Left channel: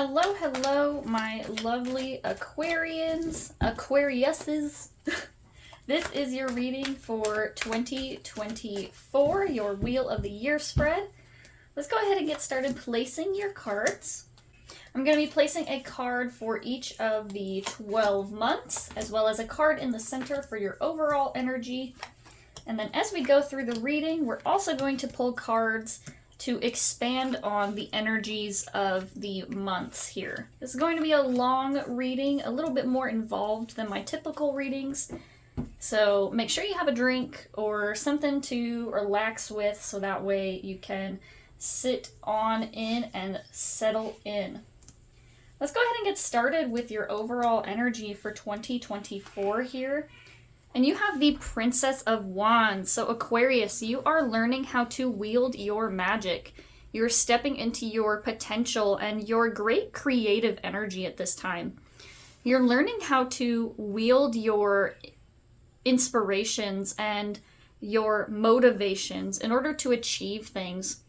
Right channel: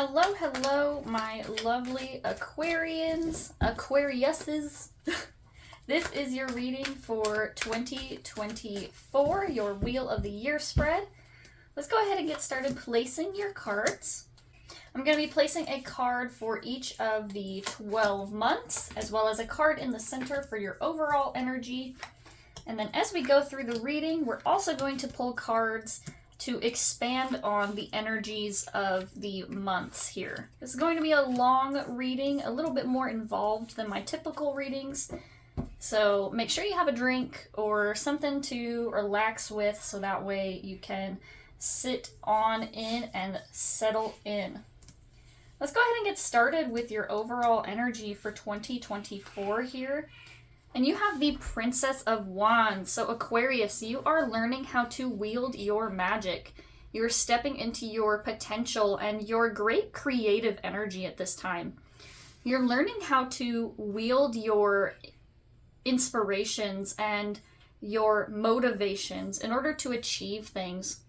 Hello, hello, my lovely Aquarians, Aquariuses. This is your reading for 2024, your Wheel of the Year spread. Let's go ahead and get started placing your cards. I'm going to be placing a card for each of the 12 months, as well as a card in the center for your overall energy. And then as we go through the reading, we're also going to pull cards to expand on the energies of the months here. This is going to be a long reading, a little bit more involved than my typical readings. So make sure you have a drink or something to relax with so that way you can sit on in and settle in. Let's go ahead and get started with your overall energy for 2024 here. And you have the Princess of Wands. So Aquarius, you are learning how to wield your magic. You're stepping into your potential and your great creative energy at this time. You're learning how to wield your inspirations and your motivations in order to achieve things.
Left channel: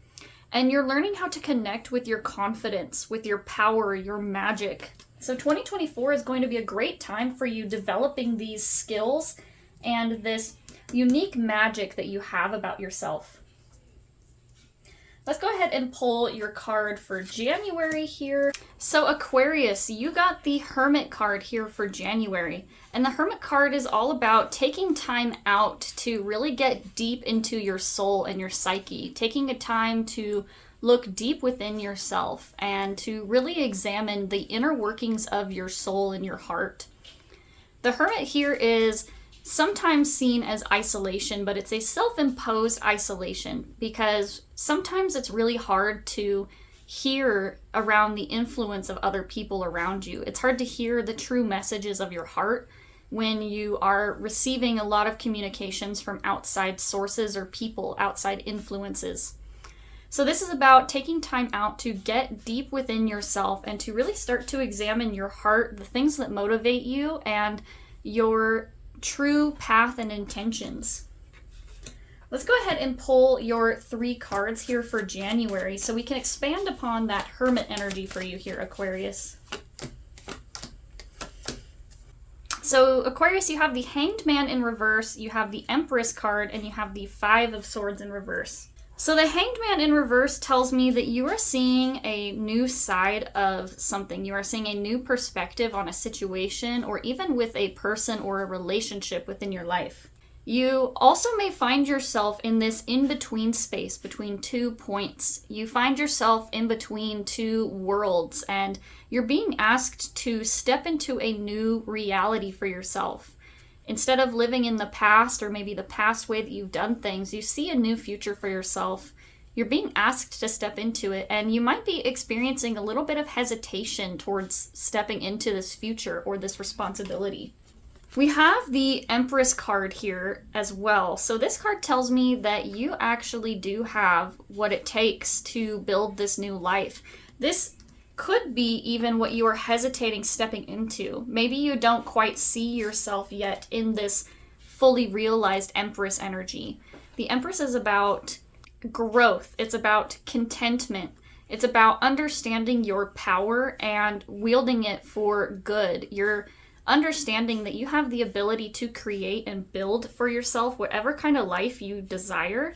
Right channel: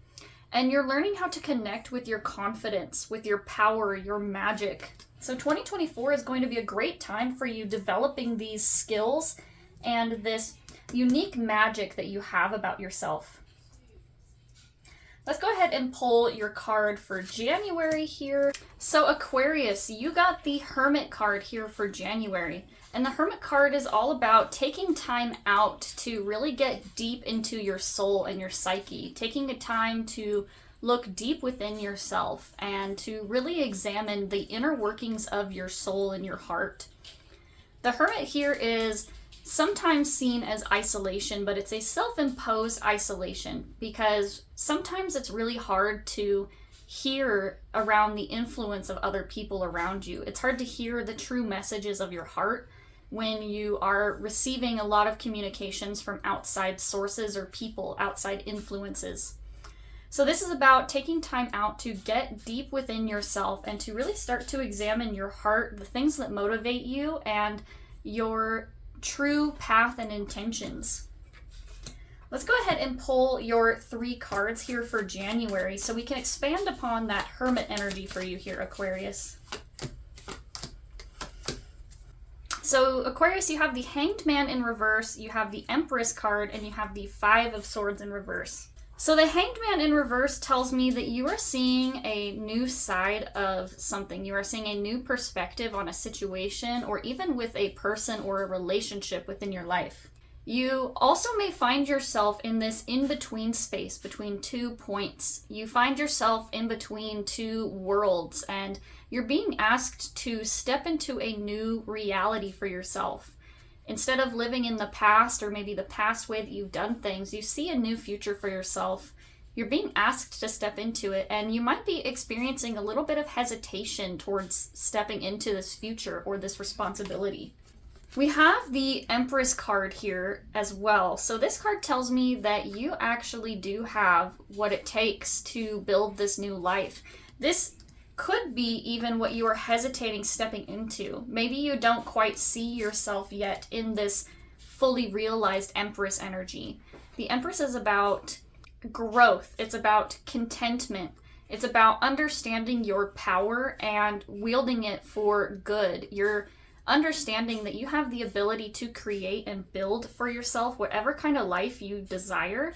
And you're learning how to connect with your confidence, with your power, your magic. So 2024 is going to be a great time for you developing these skills and this unique magic that you have about yourself. Let's go ahead and pull your card for January here. So Aquarius, you got the Hermit card here for January. And the Hermit card is all about taking time out to really get deep into your soul and your psyche, taking a time to look deep within yourself and to really examine the inner workings of your soul and your heart. The Hermit here is sometimes seen as isolation, but it's a self-imposed isolation because sometimes it's really hard to hear around the influence of other people around you. It's hard to hear the true messages of your heart when you are receiving a lot of communications from outside sources or people, outside influences. So this is about taking time out to get deep within yourself and to really start to examine your heart, the things that motivate you, and your true path and intentions. Let's go ahead and pull your 3 cards here for January so we can expand upon that Hermit energy for you here, Aquarius. So Aquarius, you have the Hanged Man in reverse, you have the Empress card, and you have the 5 of Swords in reverse. So the Hanged Man in reverse tells me that you are seeing a new side of something. You are seeing a new perspective on a situation or even with a person or a relationship within your life. You also may find yourself in this in-between space between 2 points. You find yourself in between 2 worlds and you're being asked to step into a new reality for yourself. Instead of living in the past or maybe the past way that you've done things, you see a new future for yourself. You're being asked to step into it, and you might be experiencing a little bit of hesitation towards stepping into this future or this responsibility. We have the Empress card here as well. So this card tells me that you actually do have what it takes to build this new life. This could be even what you are hesitating stepping into. Maybe you don't quite see yourself yet in this fully realized Empress energy. The Empress is about growth. It's about contentment. It's about understanding your power and wielding it for good. You're understanding that you have the ability to create and build for yourself whatever kind of life you desire,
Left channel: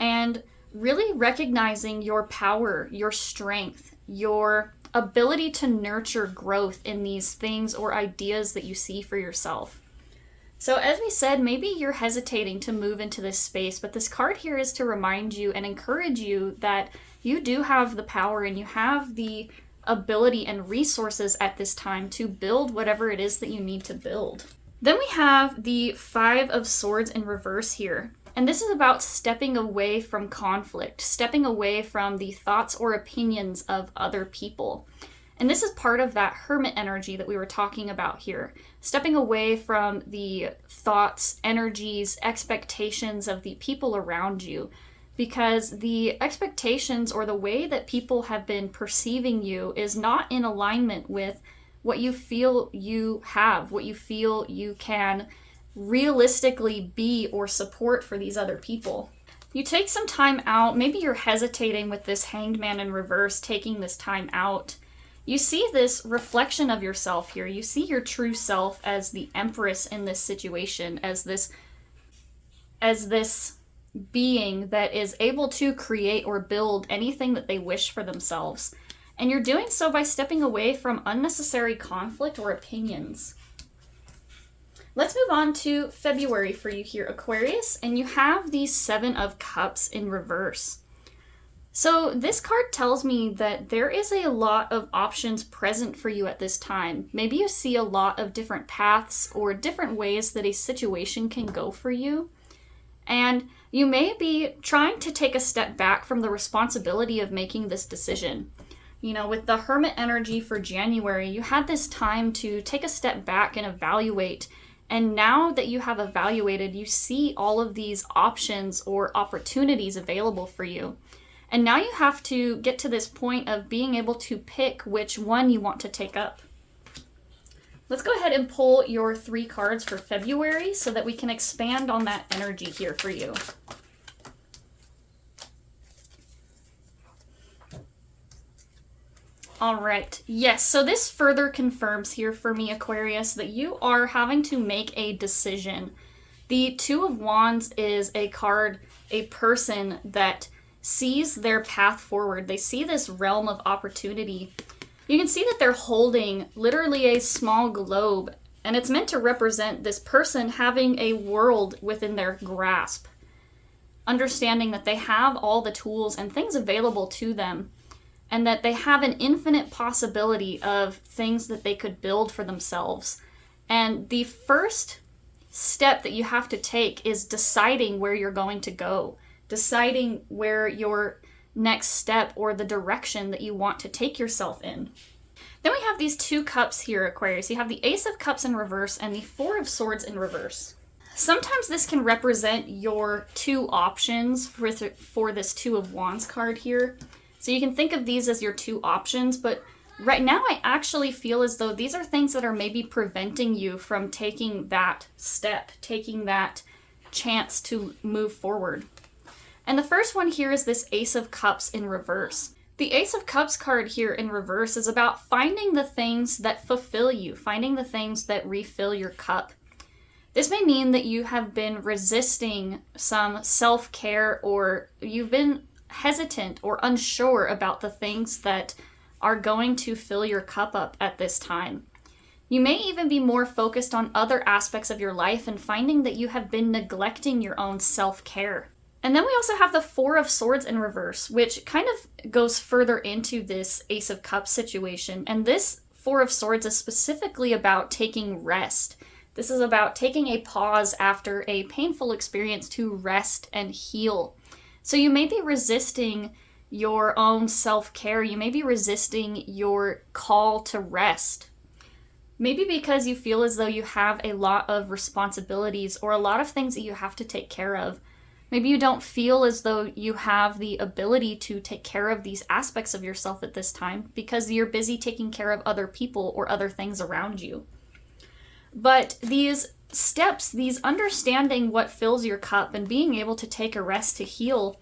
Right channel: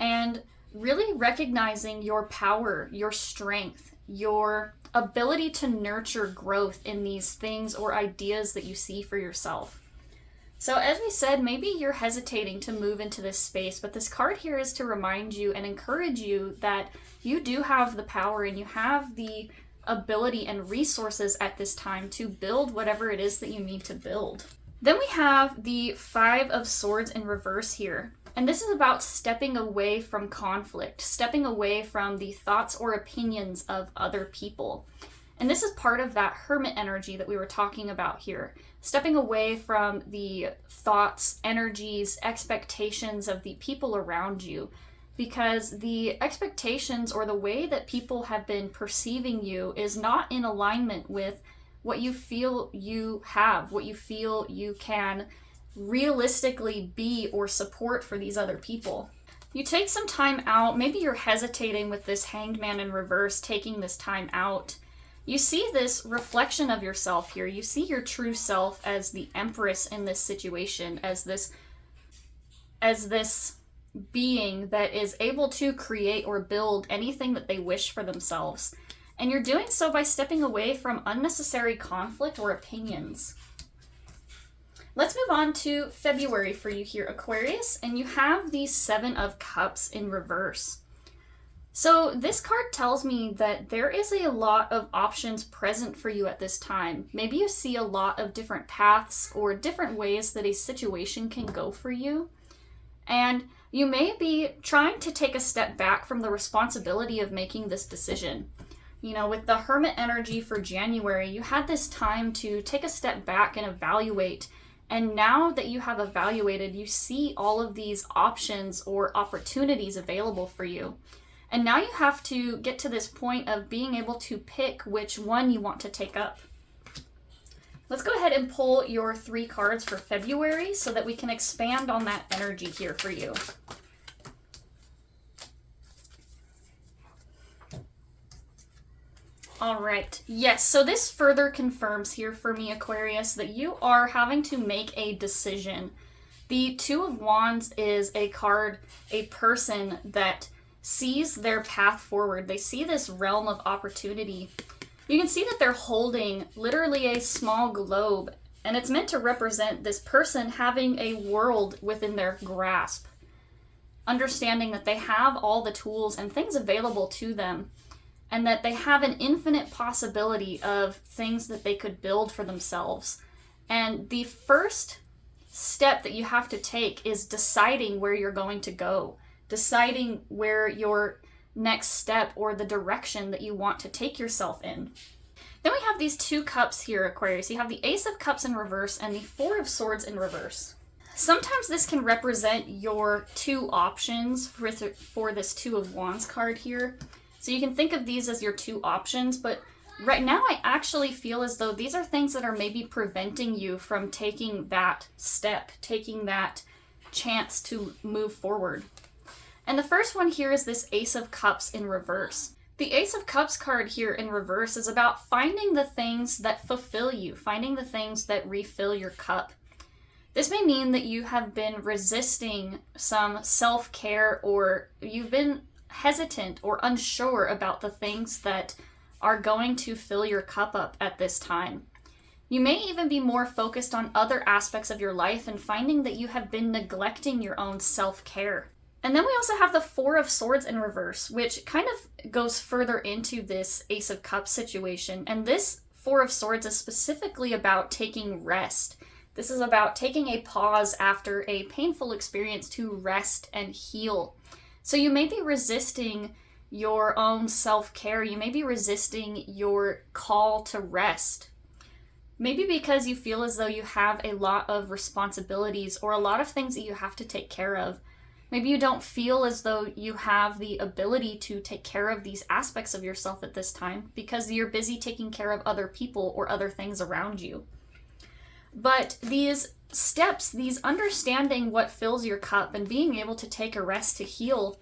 and really recognizing your power, your strength, your ability to nurture growth in these things or ideas that you see for yourself. So as we said, maybe you're hesitating to move into this space, but this card here is to remind you and encourage you that you do have the power and you have the ability and resources at this time to build whatever it is that you need to build. Then we have the 5 of Swords in reverse here. And this is about stepping away from conflict, stepping away from the thoughts or opinions of other people. And this is part of that Hermit energy that we were talking about here. Stepping away from the thoughts, energies, expectations of the people around you. Because the expectations or the way that people have been perceiving you is not in alignment with what you feel you have, what you feel you can realistically be or support for these other people. You take some time out, maybe you're hesitating with this Hanged Man in reverse, taking this time out You see this reflection of yourself here. You see your true self as the Empress in this situation, as this being that is able to create or build anything that they wish for themselves. And you're doing so by stepping away from unnecessary conflict or opinions. Let's move on to February for you here, Aquarius, and you have the Seven of Cups in reverse. So this card tells me that there is a lot of options present for you at this time. Maybe you see a lot of different paths or different ways that a situation can go for you. And you may be trying to take a step back from the responsibility of making this decision. You know, with the Hermit energy for January, you had this time to take a step back and evaluate. And now that you have evaluated, you see all of these options or opportunities available for you. And now you have to get to this point of being able to pick which one you want to take up. Let's go ahead and pull your 3 cards for February so that we can expand on that energy here for you. All right. Yes, so this further confirms here for me, Aquarius, that you are having to make a decision. The Two of Wands is a card, a person that sees their path forward. They see this realm of opportunity. You can see that they're holding literally a small globe, and it's meant to represent this person having a world within their grasp, understanding that they have all the tools and things available to them, and that they have an infinite possibility of things that they could build for themselves. And the first step that you have to take is deciding where you're going to go, deciding where your next step or the direction that you want to take yourself in. Then we have these 2 cups here, Aquarius. You have the Ace of Cups in reverse and the Four of Swords in reverse. Sometimes this can represent your 2 options for this Two of Wands card here. So you can think of these as your 2 options, but right now I actually feel as though these are things that are maybe preventing you from taking that step, taking that chance to move forward. And the first one here is this Ace of Cups in reverse. The Ace of Cups card here in reverse is about finding the things that fulfill you, finding the things that refill your cup. This may mean that you have been resisting some self-care, or you've been hesitant or unsure about the things that are going to fill your cup up at this time. You may even be more focused on other aspects of your life and finding that you have been neglecting your own self-care. And then we also have the Four of Swords in reverse, which kind of goes further into this Ace of Cups situation. And this Four of Swords is specifically about taking rest. This is about taking a pause after a painful experience to rest and heal. So you may be resisting your own self-care. You may be resisting your call to rest. Maybe because you feel as though you have a lot of responsibilities or a lot of things that you have to take care of. Maybe you don't feel as though you have the ability to take care of these aspects of yourself at this time because you're busy taking care of other people or other things around you. But these steps, these understanding what fills your cup and being able to take a rest to heal,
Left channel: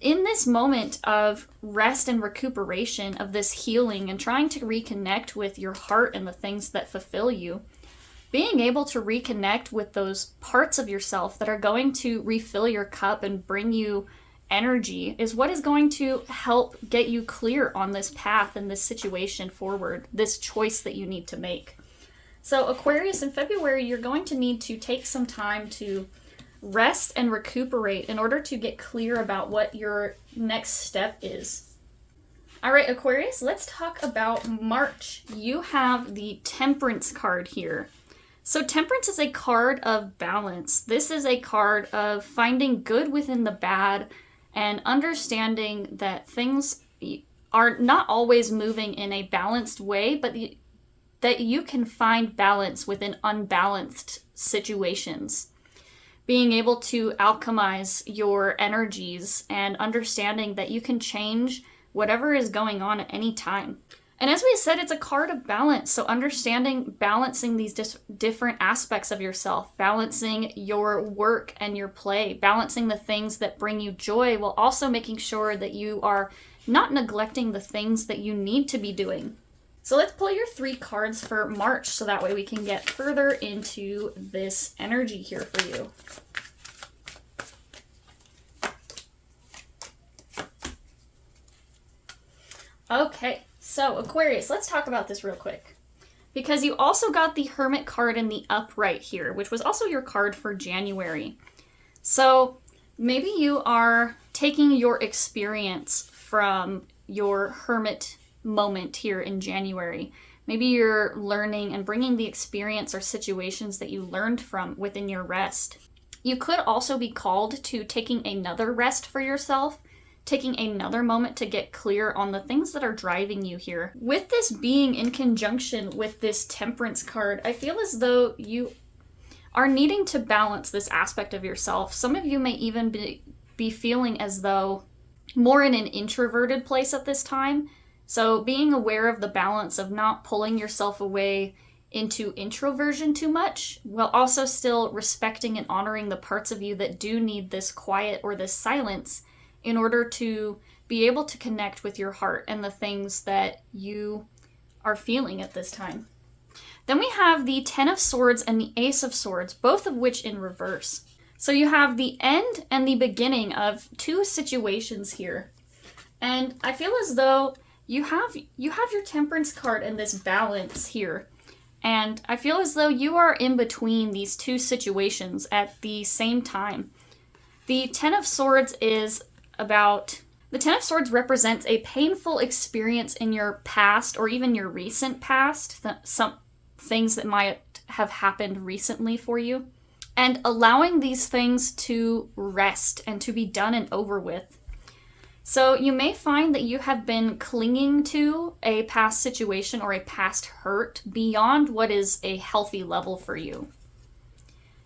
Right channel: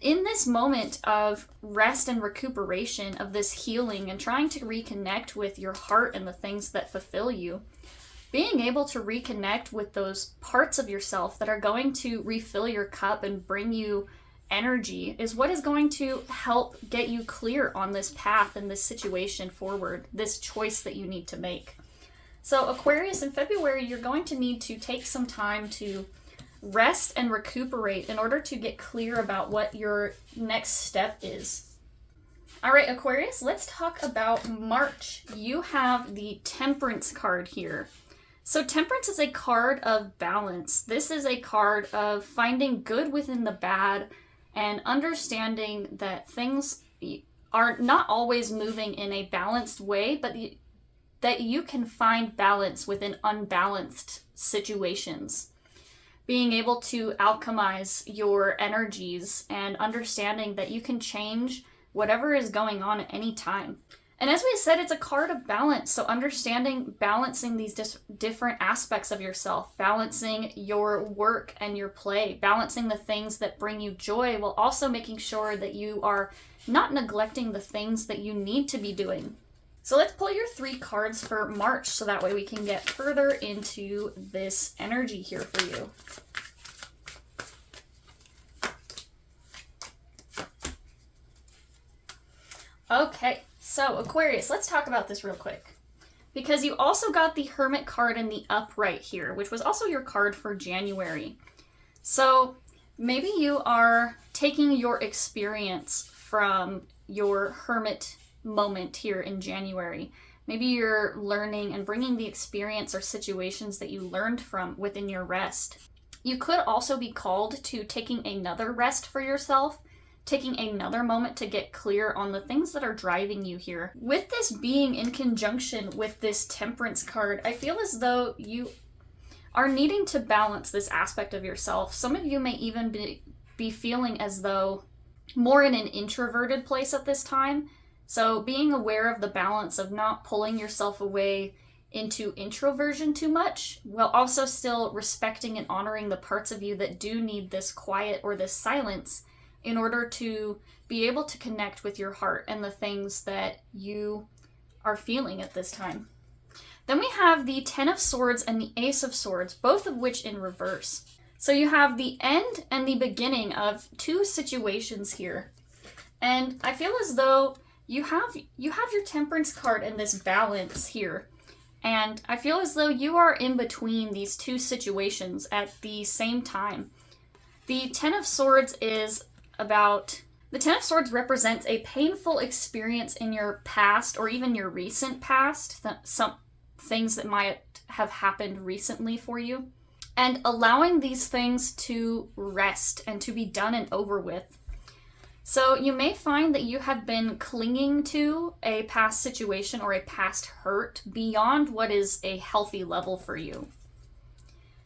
in this moment of rest and recuperation, of this healing and trying to reconnect with your heart and the things that fulfill you, being able to reconnect with those parts of yourself that are going to refill your cup and bring you energy is what is going to help get you clear on this path and this situation forward, this choice that you need to make. So Aquarius, in February, you're going to need to take some time to rest and recuperate in order to get clear about what your next step is. All right, Aquarius, let's talk about March. You have the Temperance card here. So Temperance is a card of balance. This is a card of finding good within the bad and understanding that things are not always moving in a balanced way, but that you can find balance within unbalanced situations. Being able to alchemize your energies and understanding that you can change whatever is going on at any time. And as we said, it's a card of balance. So understanding, balancing these different aspects of yourself, balancing your work and your play, balancing the things that bring you joy while also making sure that you are not neglecting the things that you need to be doing. So let's pull your 3 cards for March so that way we can get further into this energy here for you. Okay, so Aquarius, let's talk about this real quick. Because you also got the Hermit card in the upright here, which was also your card for January. So maybe you are taking your experience from your Hermit moment here in January. Maybe you're learning and bringing the experience or situations that you learned from within your rest. You could also be called to taking another rest for yourself, taking another moment to get clear on the things that are driving you here. With this being in conjunction with this Temperance card, I feel as though you are needing to balance this aspect of yourself. Some of you may even be feeling as though more in an introverted place at this time. So being aware of the balance of not pulling yourself away into introversion too much, while also still respecting and honoring the parts of you that do need this quiet or this silence in order to be able to connect with your heart and the things that you are feeling at this time. Then we have the 10 of Swords and the Ace of Swords, both of which in reverse. So you have the end and the beginning of 2 situations here. And I feel as though you have your Temperance card and this balance here. And I feel as though you are in between these 2 situations at the same time. The 10 of Swords represents a painful experience in your past or even your recent past, some things that might have happened recently for you, and allowing these things to rest and to be done and over with. So you may find that you have been clinging to a past situation or a past hurt beyond what is a healthy level for you.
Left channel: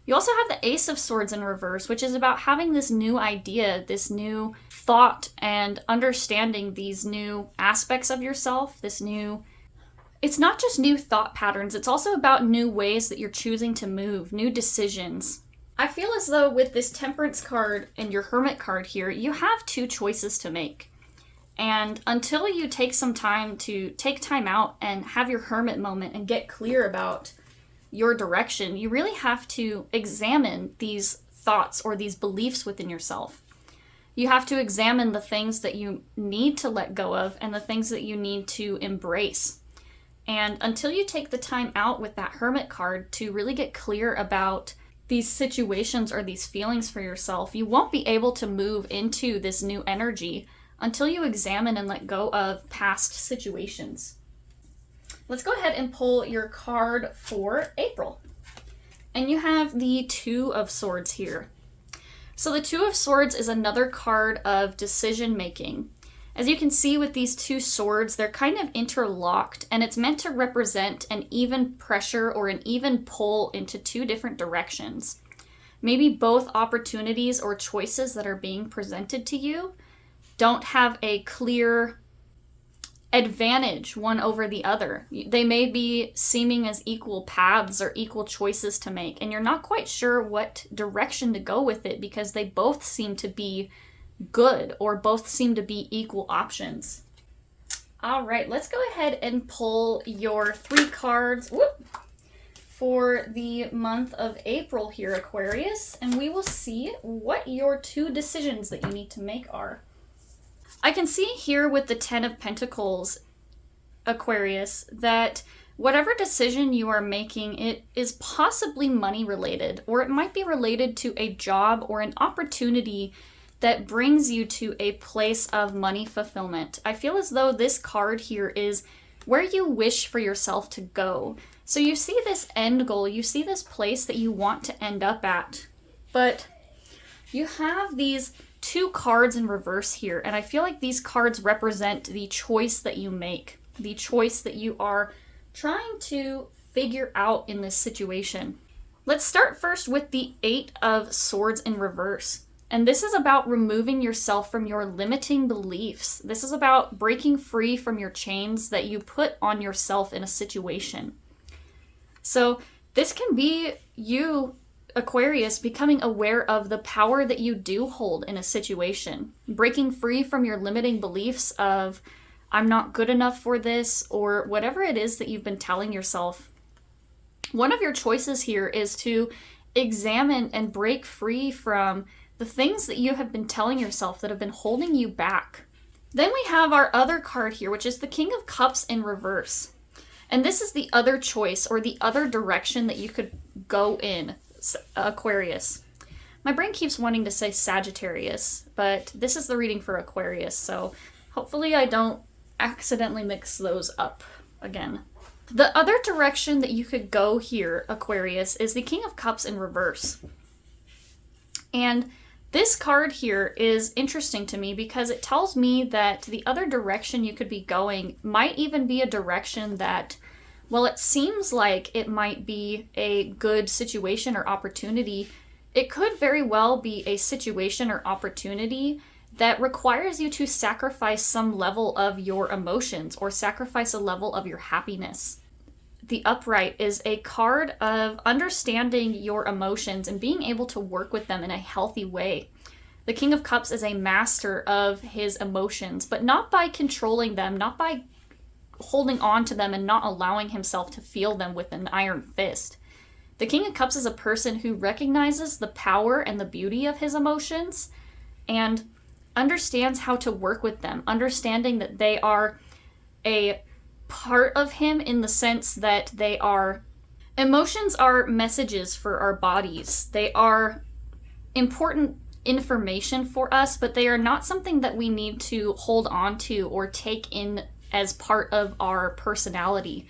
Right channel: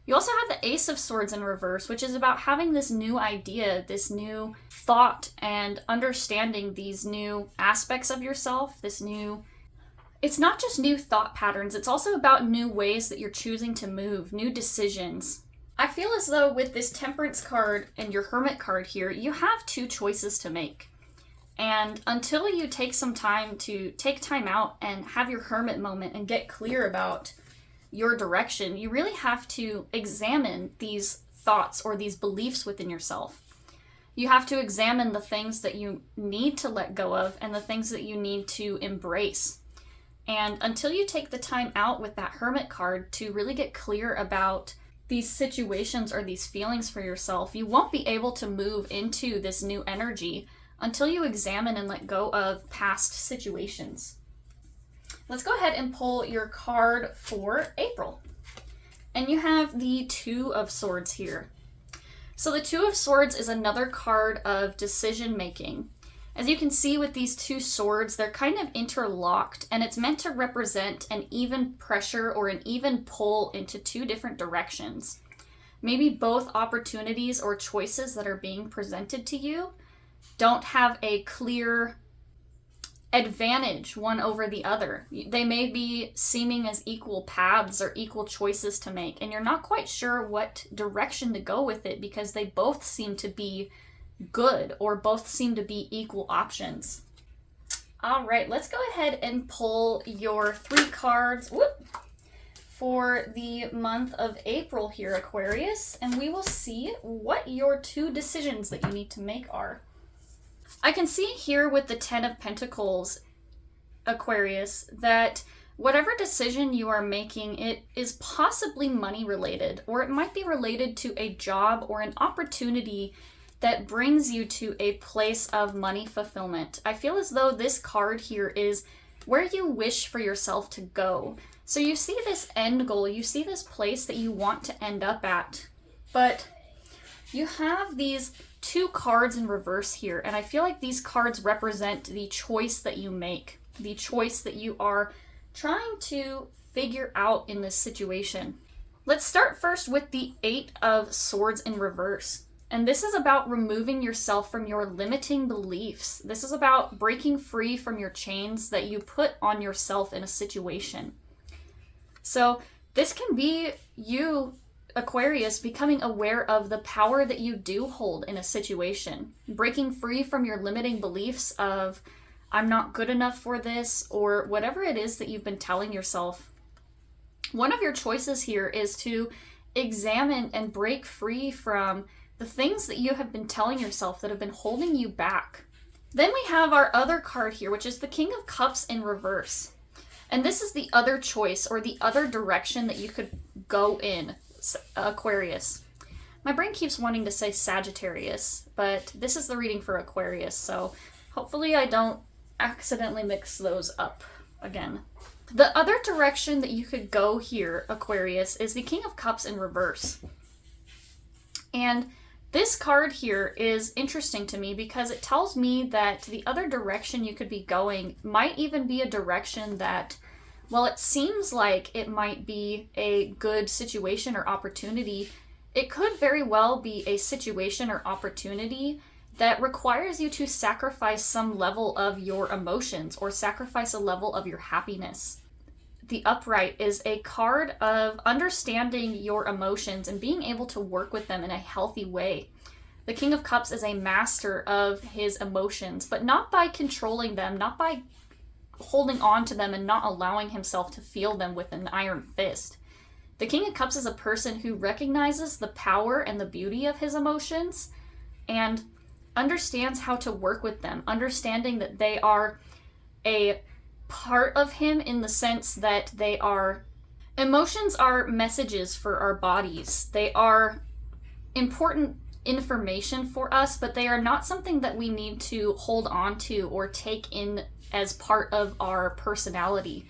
You also have the Ace of Swords in reverse, which is about having this new idea, this new thought, and understanding these new aspects of yourself, it's not just new thought patterns, it's also about new ways that you're choosing to move, new decisions. I feel as though with this Temperance card and your Hermit card here, you have 2 choices to make. And until you take some time to take time out and have your Hermit moment and get clear about your direction, you really have to examine these thoughts or these beliefs within yourself. You have to examine the things that you need to let go of and the things that you need to embrace. And until you take the time out with that Hermit card to really get clear about these situations or these feelings for yourself, you won't be able to move into this new energy until you examine and let go of past situations. Let's go ahead and pull your card for April. And you have the 2 of Swords here. So the 2 of Swords is another card of decision making. As you can see with these 2 swords, they're kind of interlocked, and it's meant to represent an even pressure or an even pull into 2 different directions. Maybe both opportunities or choices that are being presented to you don't have a clear advantage one over the other. They may be seeming as equal paths or equal choices to make, and you're not quite sure what direction to go with it because they both seem to be good or both seem to be equal options. All right, let's go ahead and pull your 3 cards for the month of April here, Aquarius, and we will see what your 2 decisions that you need to make are. I can see here with the 10 of Pentacles, Aquarius, that whatever decision you are making, it is possibly money related, or it might be related to a job or an opportunity that brings you to a place of money fulfillment. I feel as though this card here is where you wish for yourself to go. So you see this end goal, you see this place that you want to end up at, but you have these 2 cards in reverse here, and I feel like these cards represent the choice that you make, the choice that you are trying to figure out in this situation. Let's start first with the 8 of Swords in reverse. And this is about removing yourself from your limiting beliefs. This is about breaking free from your chains that you put on yourself in a situation. So this can be you, Aquarius, becoming aware of the power that you do hold in a situation. Breaking free from your limiting beliefs of, I'm not good enough for this, or whatever it is that you've been telling yourself. One of your choices here is to examine and break free from the things that you have been telling yourself that have been holding you back. Then we have our other card here, which is the King of Cups in reverse. And this is the other choice, or the other direction that you could go in, Aquarius. My brain keeps wanting to say Sagittarius, but this is the reading for Aquarius, so hopefully I don't accidentally mix those up again. The other direction that you could go here, Aquarius, is the King of Cups in reverse. And this card here is interesting to me because it tells me that the other direction you could be going might even be a direction that, while it seems like it might be a good situation or opportunity, it could very well be a situation or opportunity that requires you to sacrifice some level of your emotions or sacrifice a level of your happiness. The upright is a card of understanding your emotions and being able to work with them in a healthy way. The King of Cups is a master of his emotions, but not by controlling them, not by holding on to them and not allowing himself to feel them with an iron fist. The King of Cups is a person who recognizes the power and the beauty of his emotions and understands how to work with them, understanding that they are a part of him in the sense that they are... Emotions are messages for our bodies. They are important information for us, but they are not something that we need to hold on to or take in as part of our personality.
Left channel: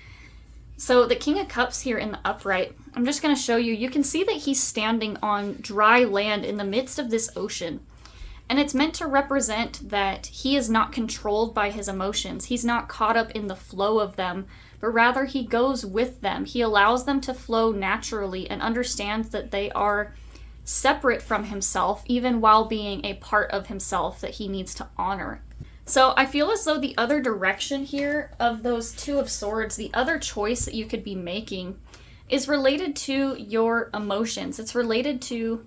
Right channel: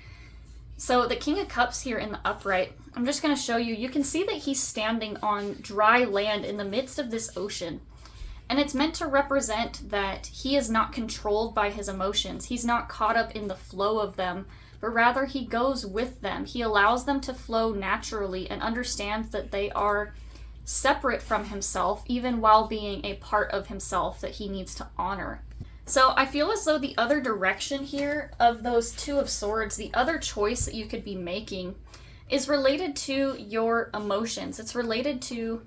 So the King of Cups here in the upright, I'm just going to show you, you can see that he's standing on dry land in the midst of this ocean. And it's meant to represent that he is not controlled by his emotions. He's not caught up in the flow of them, but rather he goes with them. He allows them to flow naturally and understands that they are separate from himself, even while being a part of himself that he needs to honor. So I feel as though the other direction here of those Two of Swords, the other choice that you could be making, is related to your emotions. It's related to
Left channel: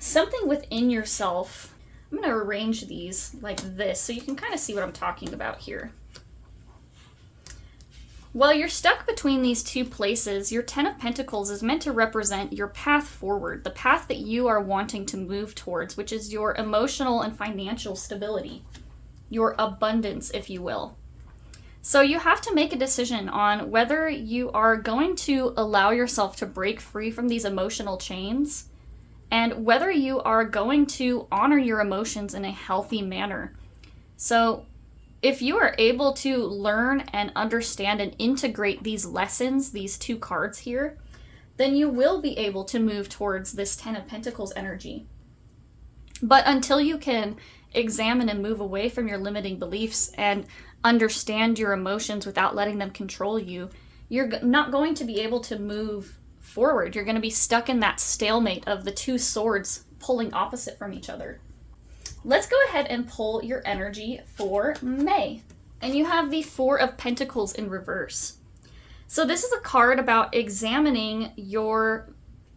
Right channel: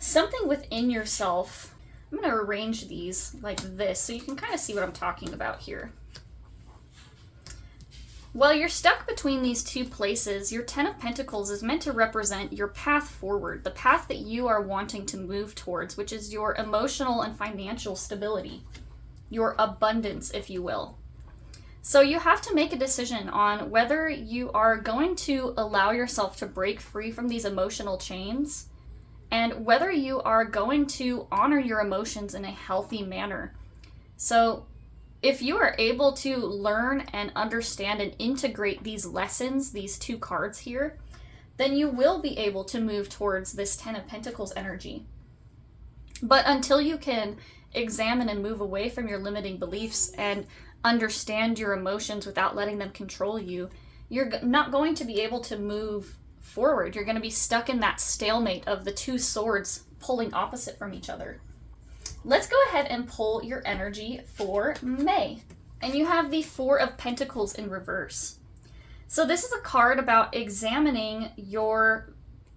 something within yourself. I'm going to arrange these like this so you can kind of see what I'm talking about here. While you're stuck between these two places, your Ten of Pentacles is meant to represent your path forward, the path that you are wanting to move towards, which is your emotional and financial stability, your abundance, if you will. So you have to make a decision on whether you are going to allow yourself to break free from these emotional chains and whether you are going to honor your emotions in a healthy manner. So if you are able to learn and understand and integrate these lessons, these two cards here, then you will be able to move towards this Ten of Pentacles energy. But until you can examine and move away from your limiting beliefs and understand your emotions without letting them control you, you're not going to be able to move forward. You're going to be stuck in that stalemate of the two swords pulling opposite from each other. Let's go ahead and pull your energy for May. And you have the Four of Pentacles in reverse. So this is a card about examining your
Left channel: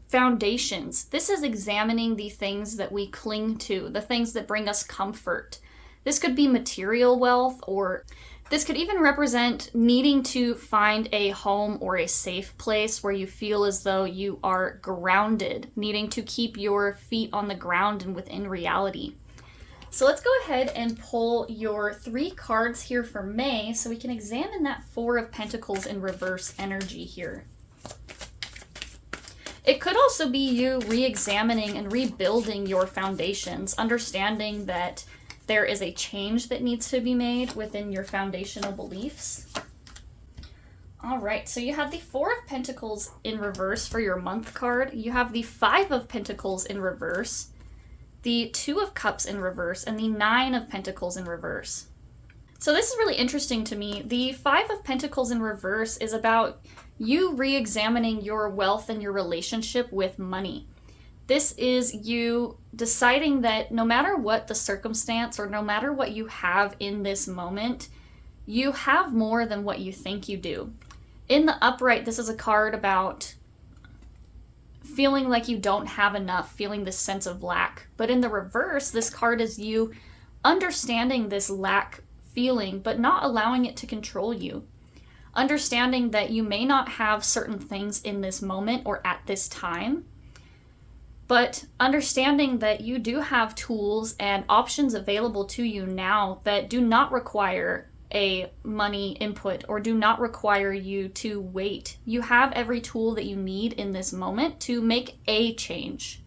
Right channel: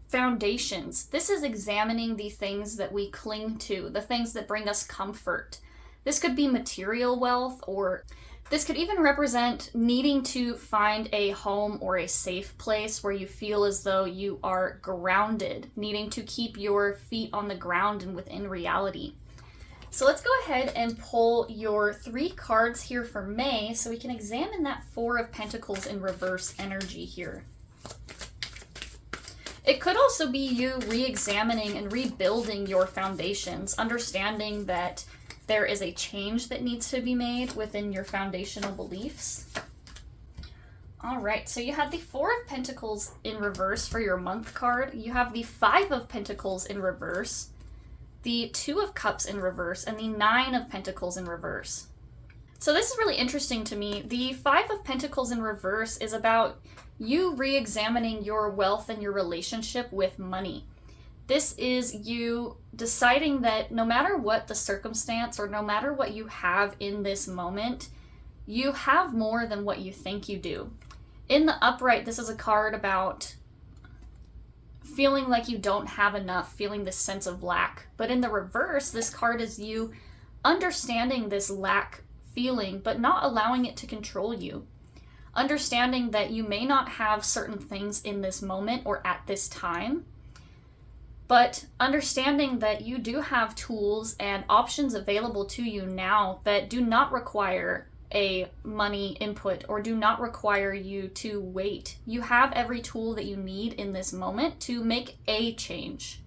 foundations. This is examining the things that we cling to, the things that bring us comfort. This could be material wealth, or this could even represent needing to find a home or a safe place where you feel as though you are grounded, needing to keep your feet on the ground and within reality. So let's go ahead and pull your 3 cards here for May so we can examine that Four of Pentacles in reverse energy here. It could also be you re-examining and rebuilding your foundations, understanding that there is a change that needs to be made within your foundational beliefs. All right, so you have the Four of Pentacles in reverse for your month card. You have the Five of Pentacles in reverse, the Two of Cups in reverse, and the Nine of Pentacles in reverse. So this is really interesting to me. The Five of Pentacles in reverse is about you re-examining your wealth and your relationship with money. This is you deciding that no matter what the circumstance or no matter what you have in this moment, you have more than what you think you do. In the upright, this is a card about feeling like you don't have enough, feeling this sense of lack. But in the reverse, this card is you understanding this lack feeling, but not allowing it to control you. Understanding that you may not have certain things in this moment or at this time, but understanding that you do have tools and options available to you now that do not require a money input or do not require you to wait. You have every tool that you need in this moment to make a change,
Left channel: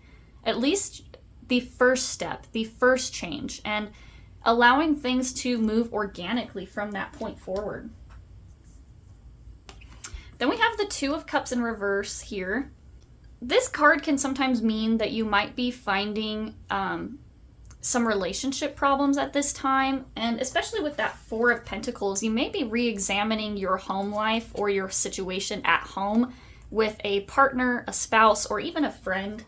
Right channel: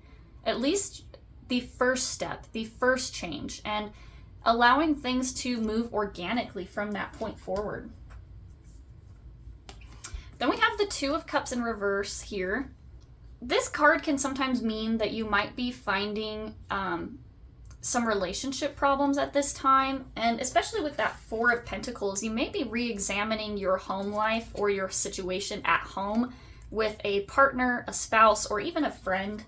at least the first step, the first change, and allowing things to move organically from that point forward. Then we have the Two of Cups in reverse here. This card can sometimes mean that you might be finding some relationship problems at this time, and especially with that Four of Pentacles, you may be re-examining your home life or your situation at home with a partner, a spouse, or even a friend.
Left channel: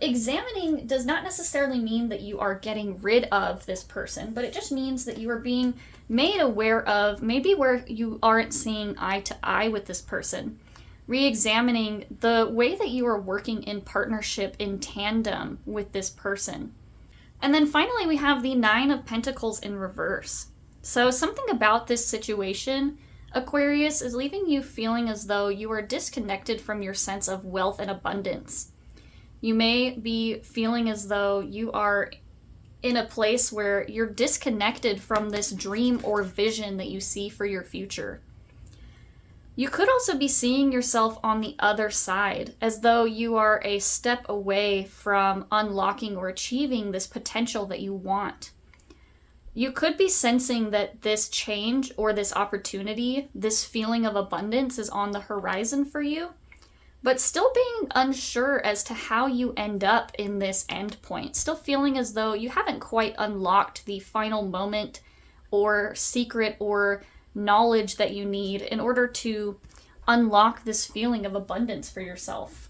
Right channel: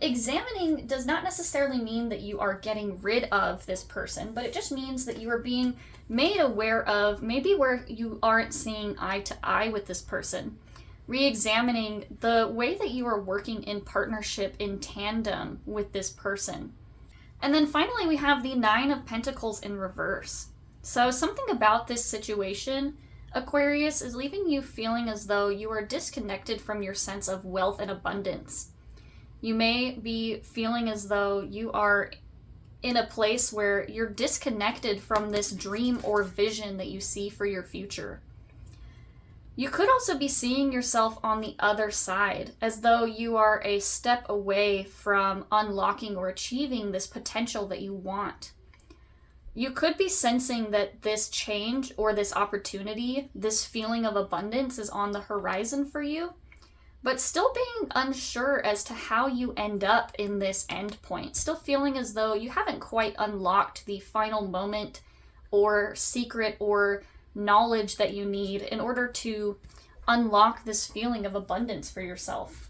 Examining does not necessarily mean that you are getting rid of this person, but it just means that you are being made aware of maybe where you aren't seeing eye to eye with this person. Re-examining the way that you are working in partnership, in tandem with this person. And then finally, we have the Nine of Pentacles in reverse. So something about this situation, Aquarius, is leaving you feeling as though you are disconnected from your sense of wealth and abundance. You may be feeling as though you are in a place where you're disconnected from this dream or vision that you see for your future. You could also be seeing yourself on the other side, as though you are a step away from unlocking or achieving this potential that you want. You could be sensing that this change or this opportunity, this feeling of abundance is on the horizon for you, but still being unsure as to how you end up in this end point. Still feeling as though you haven't quite unlocked the final moment or secret or knowledge that you need in order to unlock this feeling of abundance for yourself.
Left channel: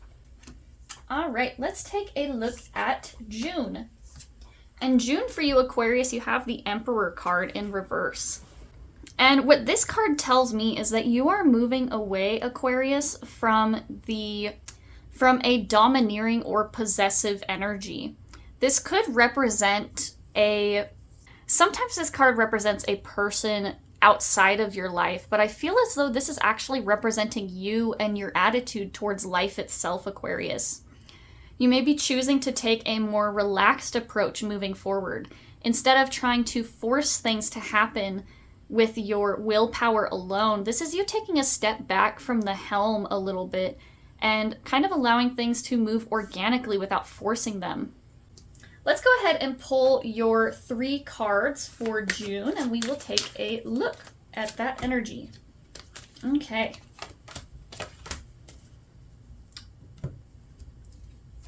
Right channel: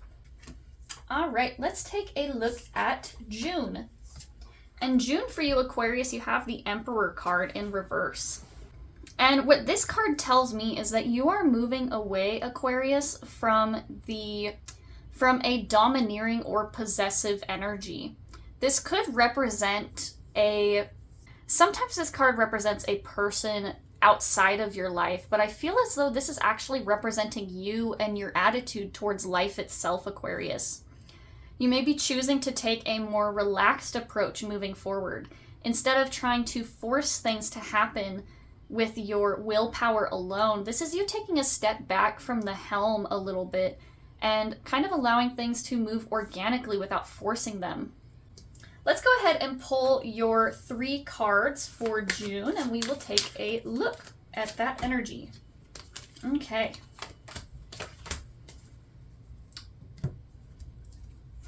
All right, let's take a look at June. And June for you, Aquarius, you have the Emperor card in reverse. And what this card tells me is that you are moving away, Aquarius, from a domineering or possessive energy. This could represent sometimes this card represents a person outside of your life, but I feel as though this is actually representing you and your attitude towards life itself, Aquarius. You may be choosing to take a more relaxed approach moving forward. Instead of trying to force things to happen with your willpower alone, this is you taking a step back from the helm a little bit and kind of allowing things to move organically without forcing them. Let's go ahead and pull your 3 cards for June, and we will take a look at that energy. Okay.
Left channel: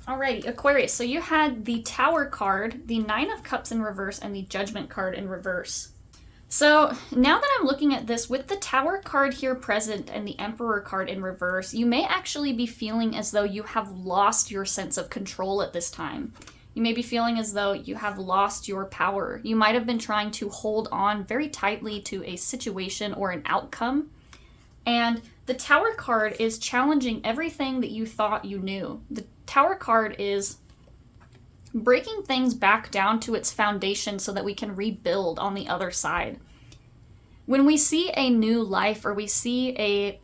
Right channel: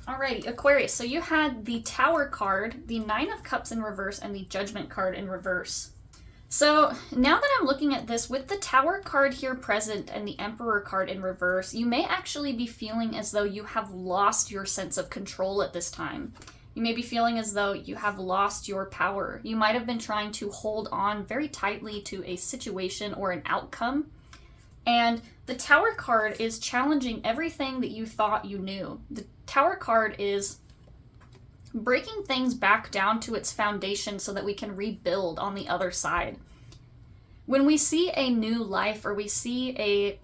Alrighty, Aquarius, so you had the Tower card, the Nine of Cups in reverse, and the Judgment card in reverse. So now that I'm looking at this, with the Tower card here present and the Emperor card in reverse, you may actually be feeling as though you have lost your sense of control at this time. You may be feeling as though you have lost your power. You might have been trying to hold on very tightly to a situation or an outcome. And the Tower card is challenging everything that you thought you knew. The Tower card is breaking things back down to its foundation so that we can rebuild on the other side. When we see a new life or we see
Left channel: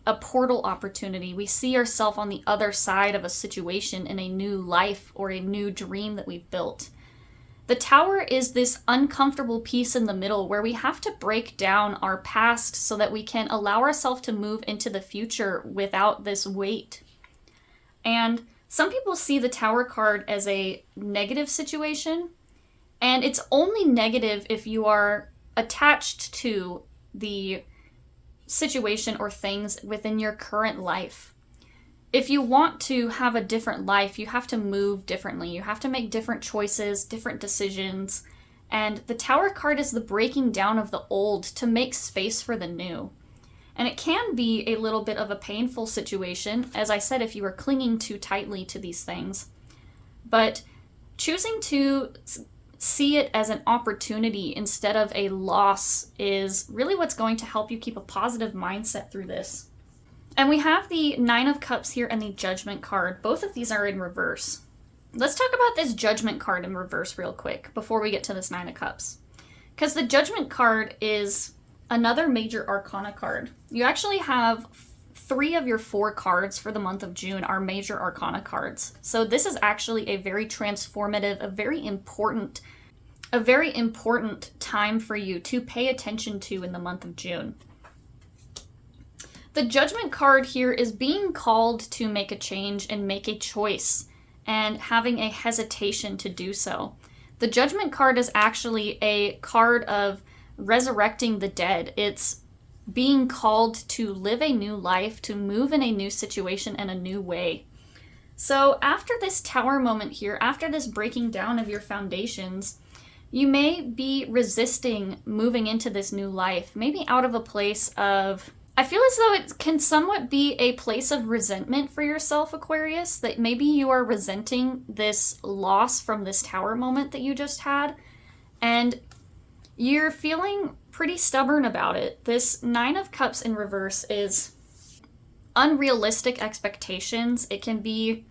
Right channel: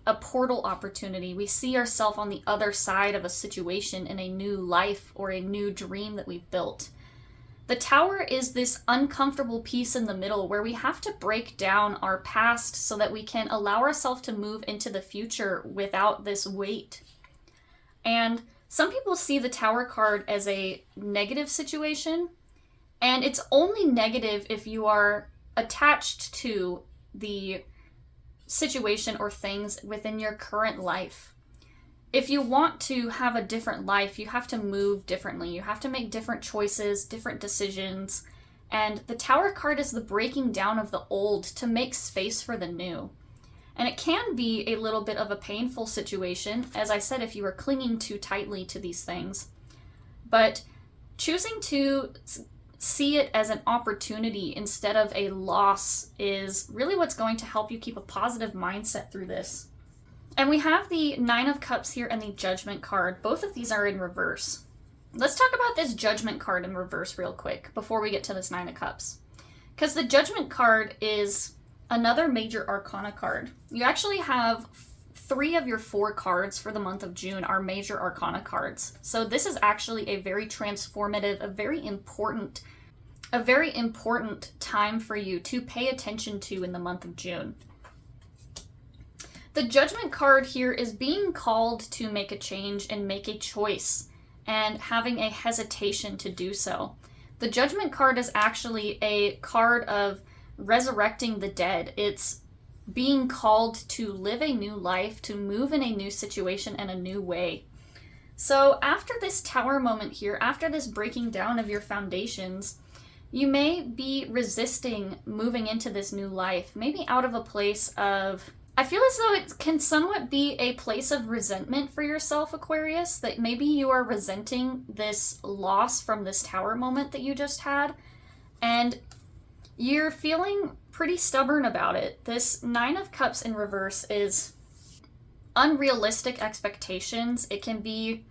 a portal opportunity, we see ourselves on the other side of a situation in a new life or a new dream that we've built. The Tower is this uncomfortable piece in the middle where we have to break down our past so that we can allow ourselves to move into the future without this weight. And some people see the Tower card as a negative situation, and it's only negative if you are attached to the situation or things within your current life. If you want to have a different life, you have to move differently. You have to make different choices, different decisions, and the Tower card is the breaking down of the old to make space for the new. And it can be a little bit of a painful situation, as I said, if you are clinging too tightly to these things. But choosing to see it as an opportunity instead of a loss is really what's going to help you keep a positive mindset through this. And we have the Nine of Cups here and the Judgment card. Both of these are in reverse. Let's talk about this Judgment card in reverse real quick before we get to this Nine of Cups. because the Judgment card is another major arcana card. You actually have 3 of your 4 cards for the month of June are major arcana cards. So this is actually a very transformative, a very important time for you to pay attention to in the month of June. The Judgment card here is being called to make a change and make a choice, and having a hesitation to do so. The Judgment card is actually a card of resurrecting the dead. It's being called to live a new life, to move in a new situation in a new way. So after this Tower moment here, after this breaking down of your foundations, you may be resisting moving into this new life, maybe out of a place of, I feel as though it can somewhat be a place of resentment for yourself, Aquarius, that maybe you are resenting this loss from this Tower moment that you just had, and you're feeling pretty stubborn about it. This 9 of Cups in reverse is unrealistic expectations. It can be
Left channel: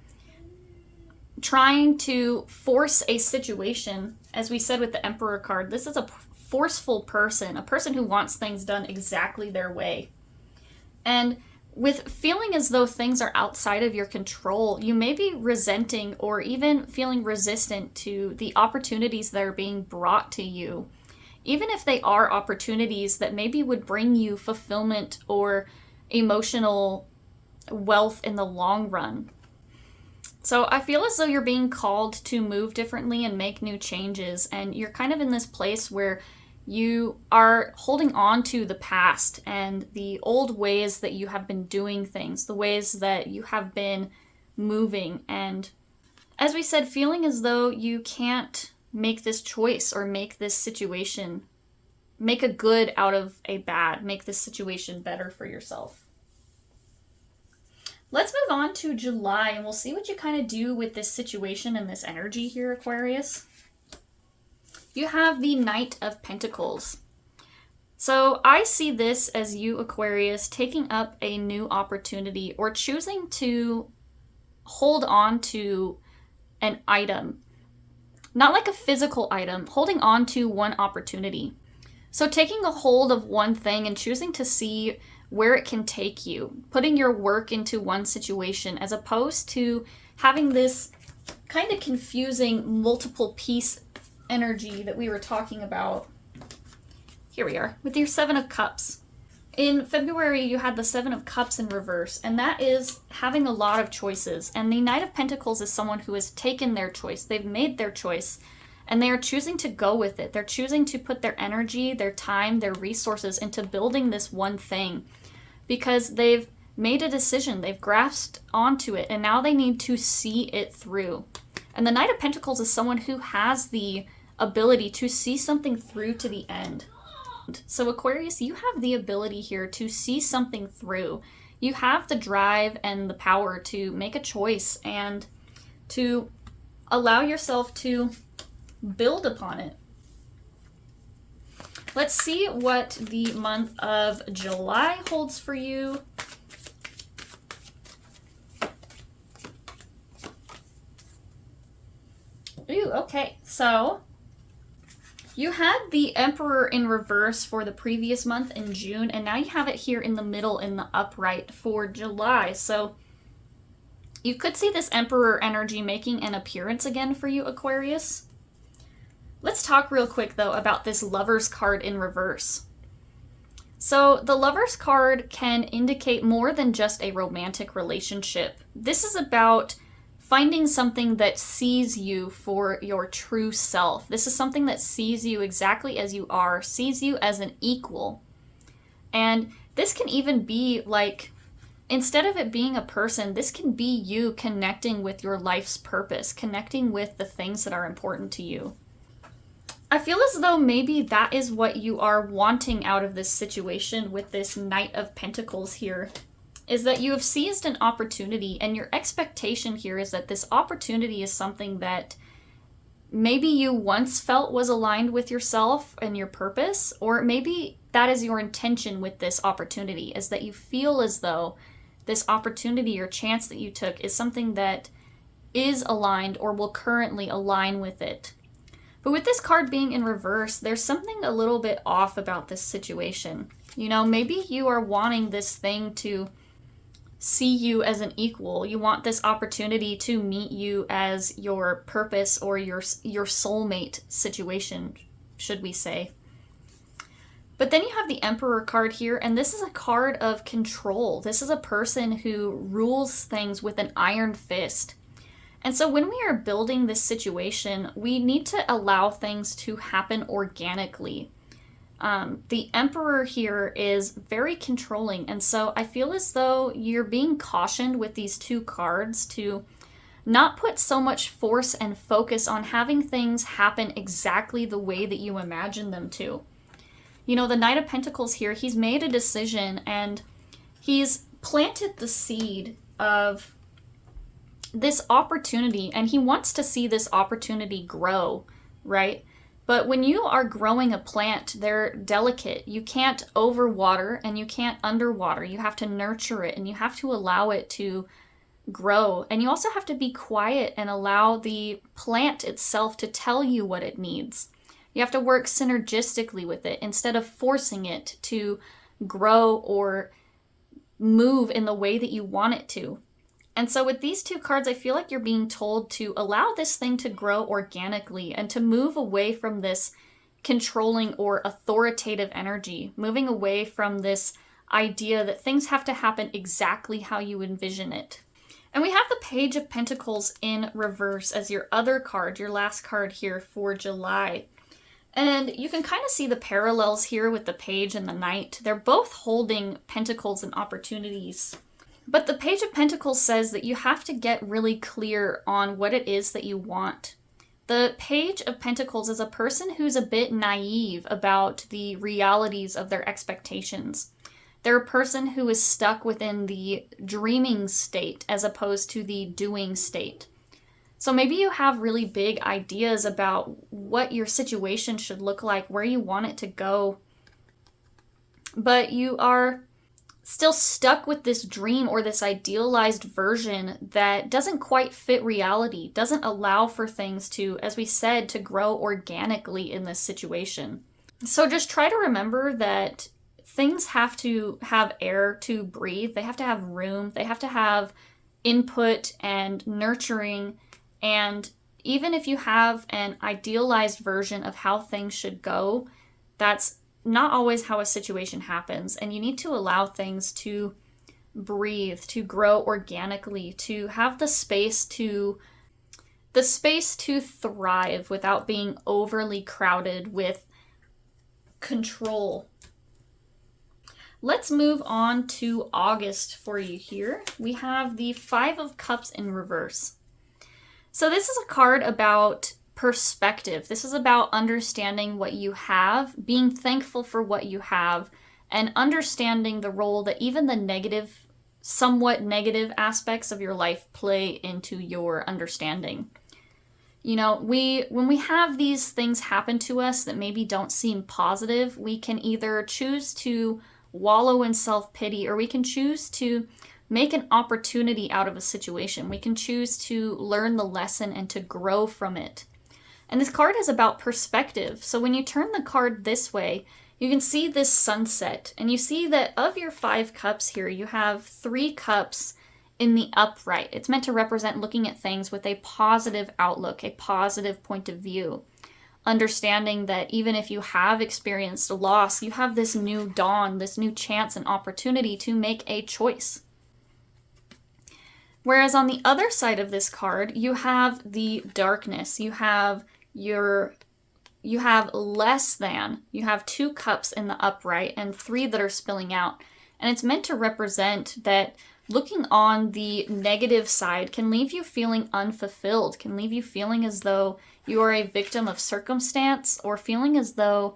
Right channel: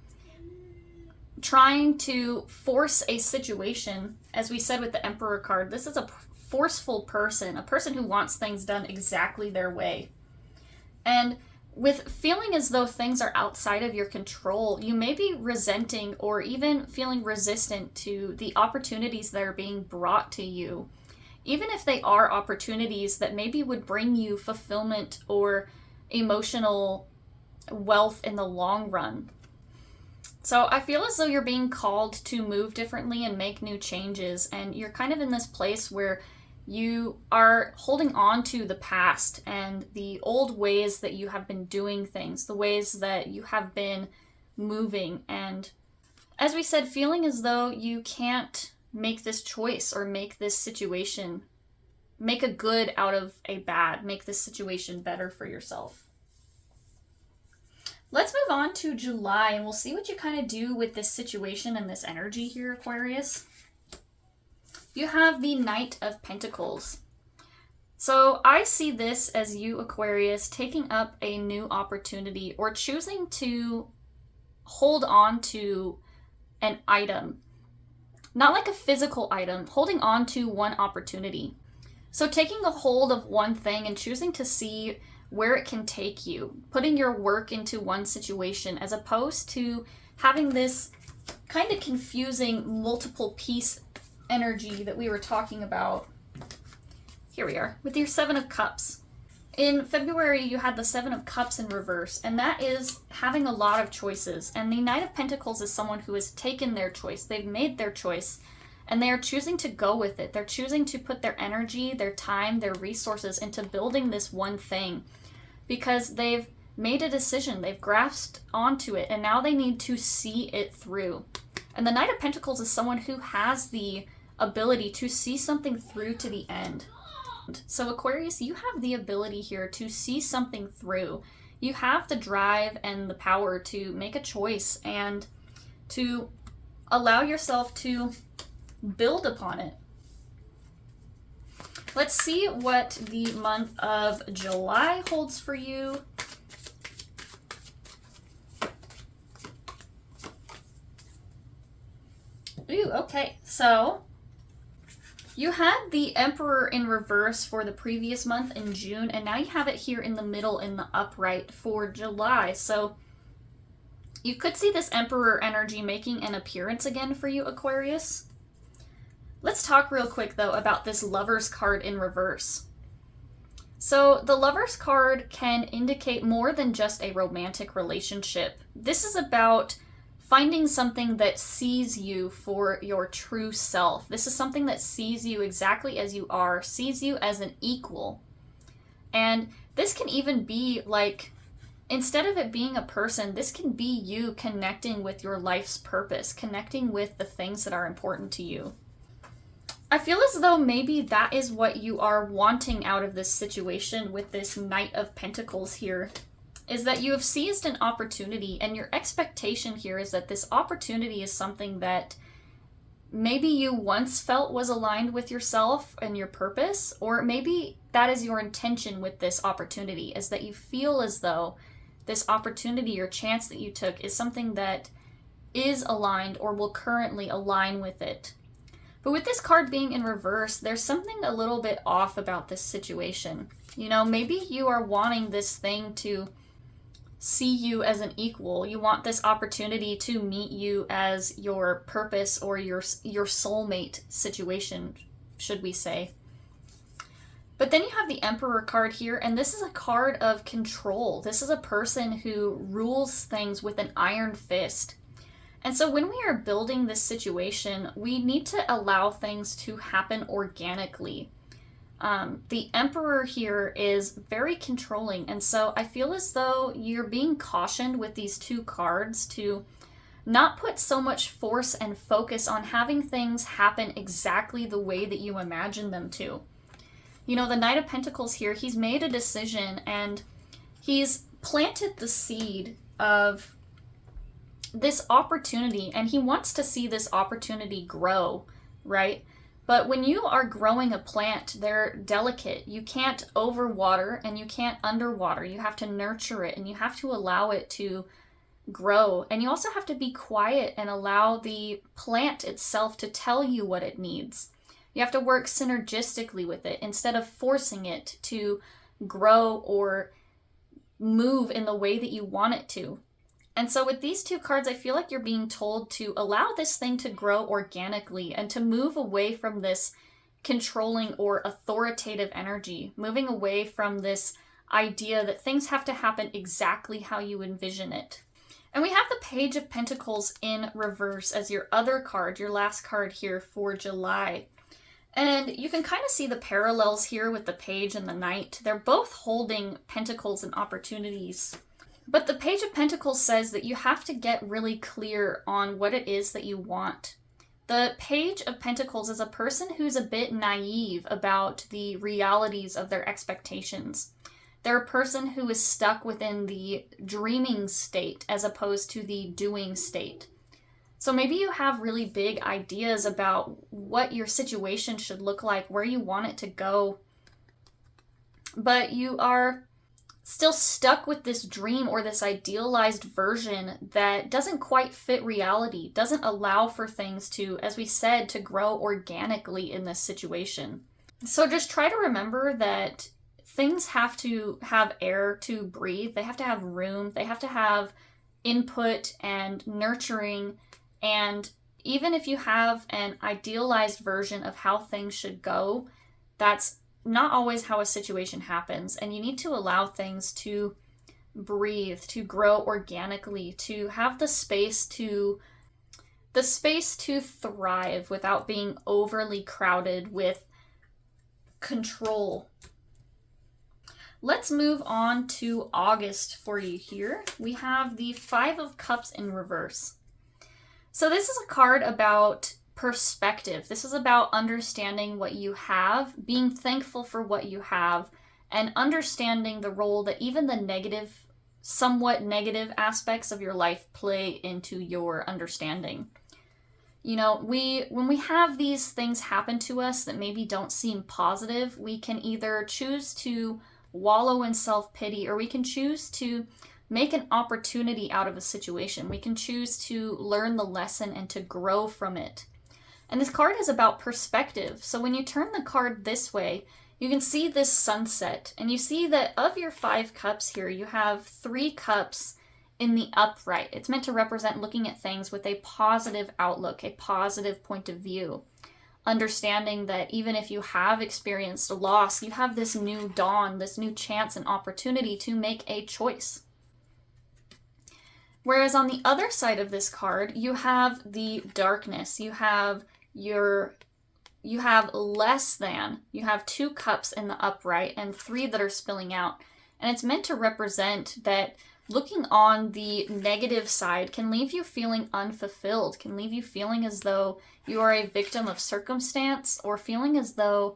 trying to force a situation, as we said with the Emperor card. This is a forceful person, a person who wants things done exactly their way. And with feeling as though things are outside of your control, you may be resenting or even feeling resistant to the opportunities that are being brought to you, even if they are opportunities that maybe would bring you fulfillment or emotional wealth in the long run. So I feel as though you're being called to move differently and make new changes, and you're kind of in this place where you are holding on to the past and the old ways that you have been doing things, the ways that you have been moving, and as we said, feeling as though you can't make this choice or make this situation, make a good out of a bad, make this situation better for yourself. Let's move on to July, and we'll see what you kind of do with this situation and this energy here, Aquarius. You have the Knight of Pentacles. So I see this as you, Aquarius, taking up a new opportunity or choosing to hold on to an item. Not like a physical item, holding on to one opportunity. So taking a hold of one thing and choosing to see where it can take you, putting your work into one situation, as opposed to having this kind of confusing multiple piece energy that we were talking about. Here we are with your 7 of Cups. In February, you had the 7 of Cups in reverse, and that is having a lot of choices. And the Knight of Pentacles is someone who has taken their choice. They've made their choice, and they are choosing to go with it. They're choosing to put their energy, their time, their resources into building this one thing, because they've made a decision, they've grasped onto it, and now they need to see it through. And the Knight of Pentacles is someone who has the ability to see something through to the end. So Aquarius, you have the ability here to see something through. You have the drive and the power to make a choice and to allow yourself to build upon it. Let's see what the month of July holds for you. Ooh, okay. So you had the Emperor in reverse for the previous month in June, and now you have it here in the middle in the upright for July. So you could see this Emperor energy making an appearance again for you, Aquarius. Let's talk real quick, though, about this Lovers card in reverse. So the Lovers card can indicate more than just a romantic relationship. This is about finding something that sees you for your true self. This is something that sees you exactly as you are, sees you as an equal. And this can even be like, instead of it being a person, this can be you connecting with your life's purpose, connecting with the things that are important to you. I feel as though maybe that is what you are wanting out of this situation with this Knight of Pentacles here, is that you have seized an opportunity, and your expectation here is that this opportunity is something that maybe you once felt was aligned with yourself and your purpose, or maybe that is your intention with this opportunity, is that you feel as though this opportunity or chance that you took is something that is aligned or will currently align with it. But with this card being in reverse, there's something a little bit off about this situation. You know, maybe you are wanting this thing to see you as an equal. You want this opportunity to meet you as your purpose or your soulmate situation, should we say. But then you have the Emperor card here, and this is a card of control. This is a person who rules things with an iron fist. And so when we are building this situation, we need to allow things to happen organically. The Emperor here is very controlling, and so I feel as though you're being cautioned with these two cards to not put so much force and focus on having things happen exactly the way that you imagine them to. You know, the Knight of Pentacles here, he's made a decision and he's planted the seed of this opportunity, and he wants to see this opportunity grow, right? But when you are growing a plant, they're delicate. You can't overwater and you can't underwater. You have to nurture it and you have to allow it to grow. And you also have to be quiet and allow the plant itself to tell you what it needs. You have to work synergistically with it instead of forcing it to grow or move in the way that you want it to. And so with these two cards, I feel like you're being told to allow this thing to grow organically and to move away from this controlling or authoritative energy, moving away from this idea that things have to happen exactly how you envision it. And we have the Page of Pentacles in reverse as your other card, your last card here for July. And you can kind of see the parallels here with the Page and the Knight. They're both holding pentacles and opportunities. But the Page of Pentacles says that you have to get really clear on what it is that you want. The Page of Pentacles is a person who's a bit naive about the realities of their expectations. They're a person who is stuck within the dreaming state as opposed to the doing state. So maybe you have really big ideas about what your situation should look like, where you want it to go, but you are still stuck with this dream or this idealized version that doesn't quite fit reality, doesn't allow for things to, as we said, to grow organically in this situation. So just try to remember that things have to have air to breathe. They have to have room. They have to have input and nurturing. And even if you have an idealized version of how things should go, that's not always how a situation happens, and you need to allow things to breathe, to grow organically, to have the space to thrive without being overly crowded with control. Let's move on to August for you here. We have the Five of Cups in reverse. So this is a card about perspective. This is about understanding what you have, being thankful for what you have, and understanding the role that even the negative, somewhat negative aspects of your life play into your understanding. You know, when we have these things happen to us that maybe don't seem positive, we can either choose to wallow in self-pity, or we can choose to make an opportunity out of a situation. We can choose to learn the lesson and to grow from it. And this card is about perspective. So when you turn the card this way, you can see this sunset. And you see that of your 5 cups here, you have 3 cups in the upright. It's meant to represent looking at things with a positive outlook, a positive point of view. Understanding that even if you have experienced a loss, you have this new dawn, this new chance and opportunity to make a choice. Whereas on the other side of this card, you have the darkness. You have less than. You have 2 cups in the upright and 3 that are spilling out. And it's meant to represent that looking on the negative side can leave you feeling unfulfilled, can leave you feeling as though you are a victim of circumstance, or feeling as though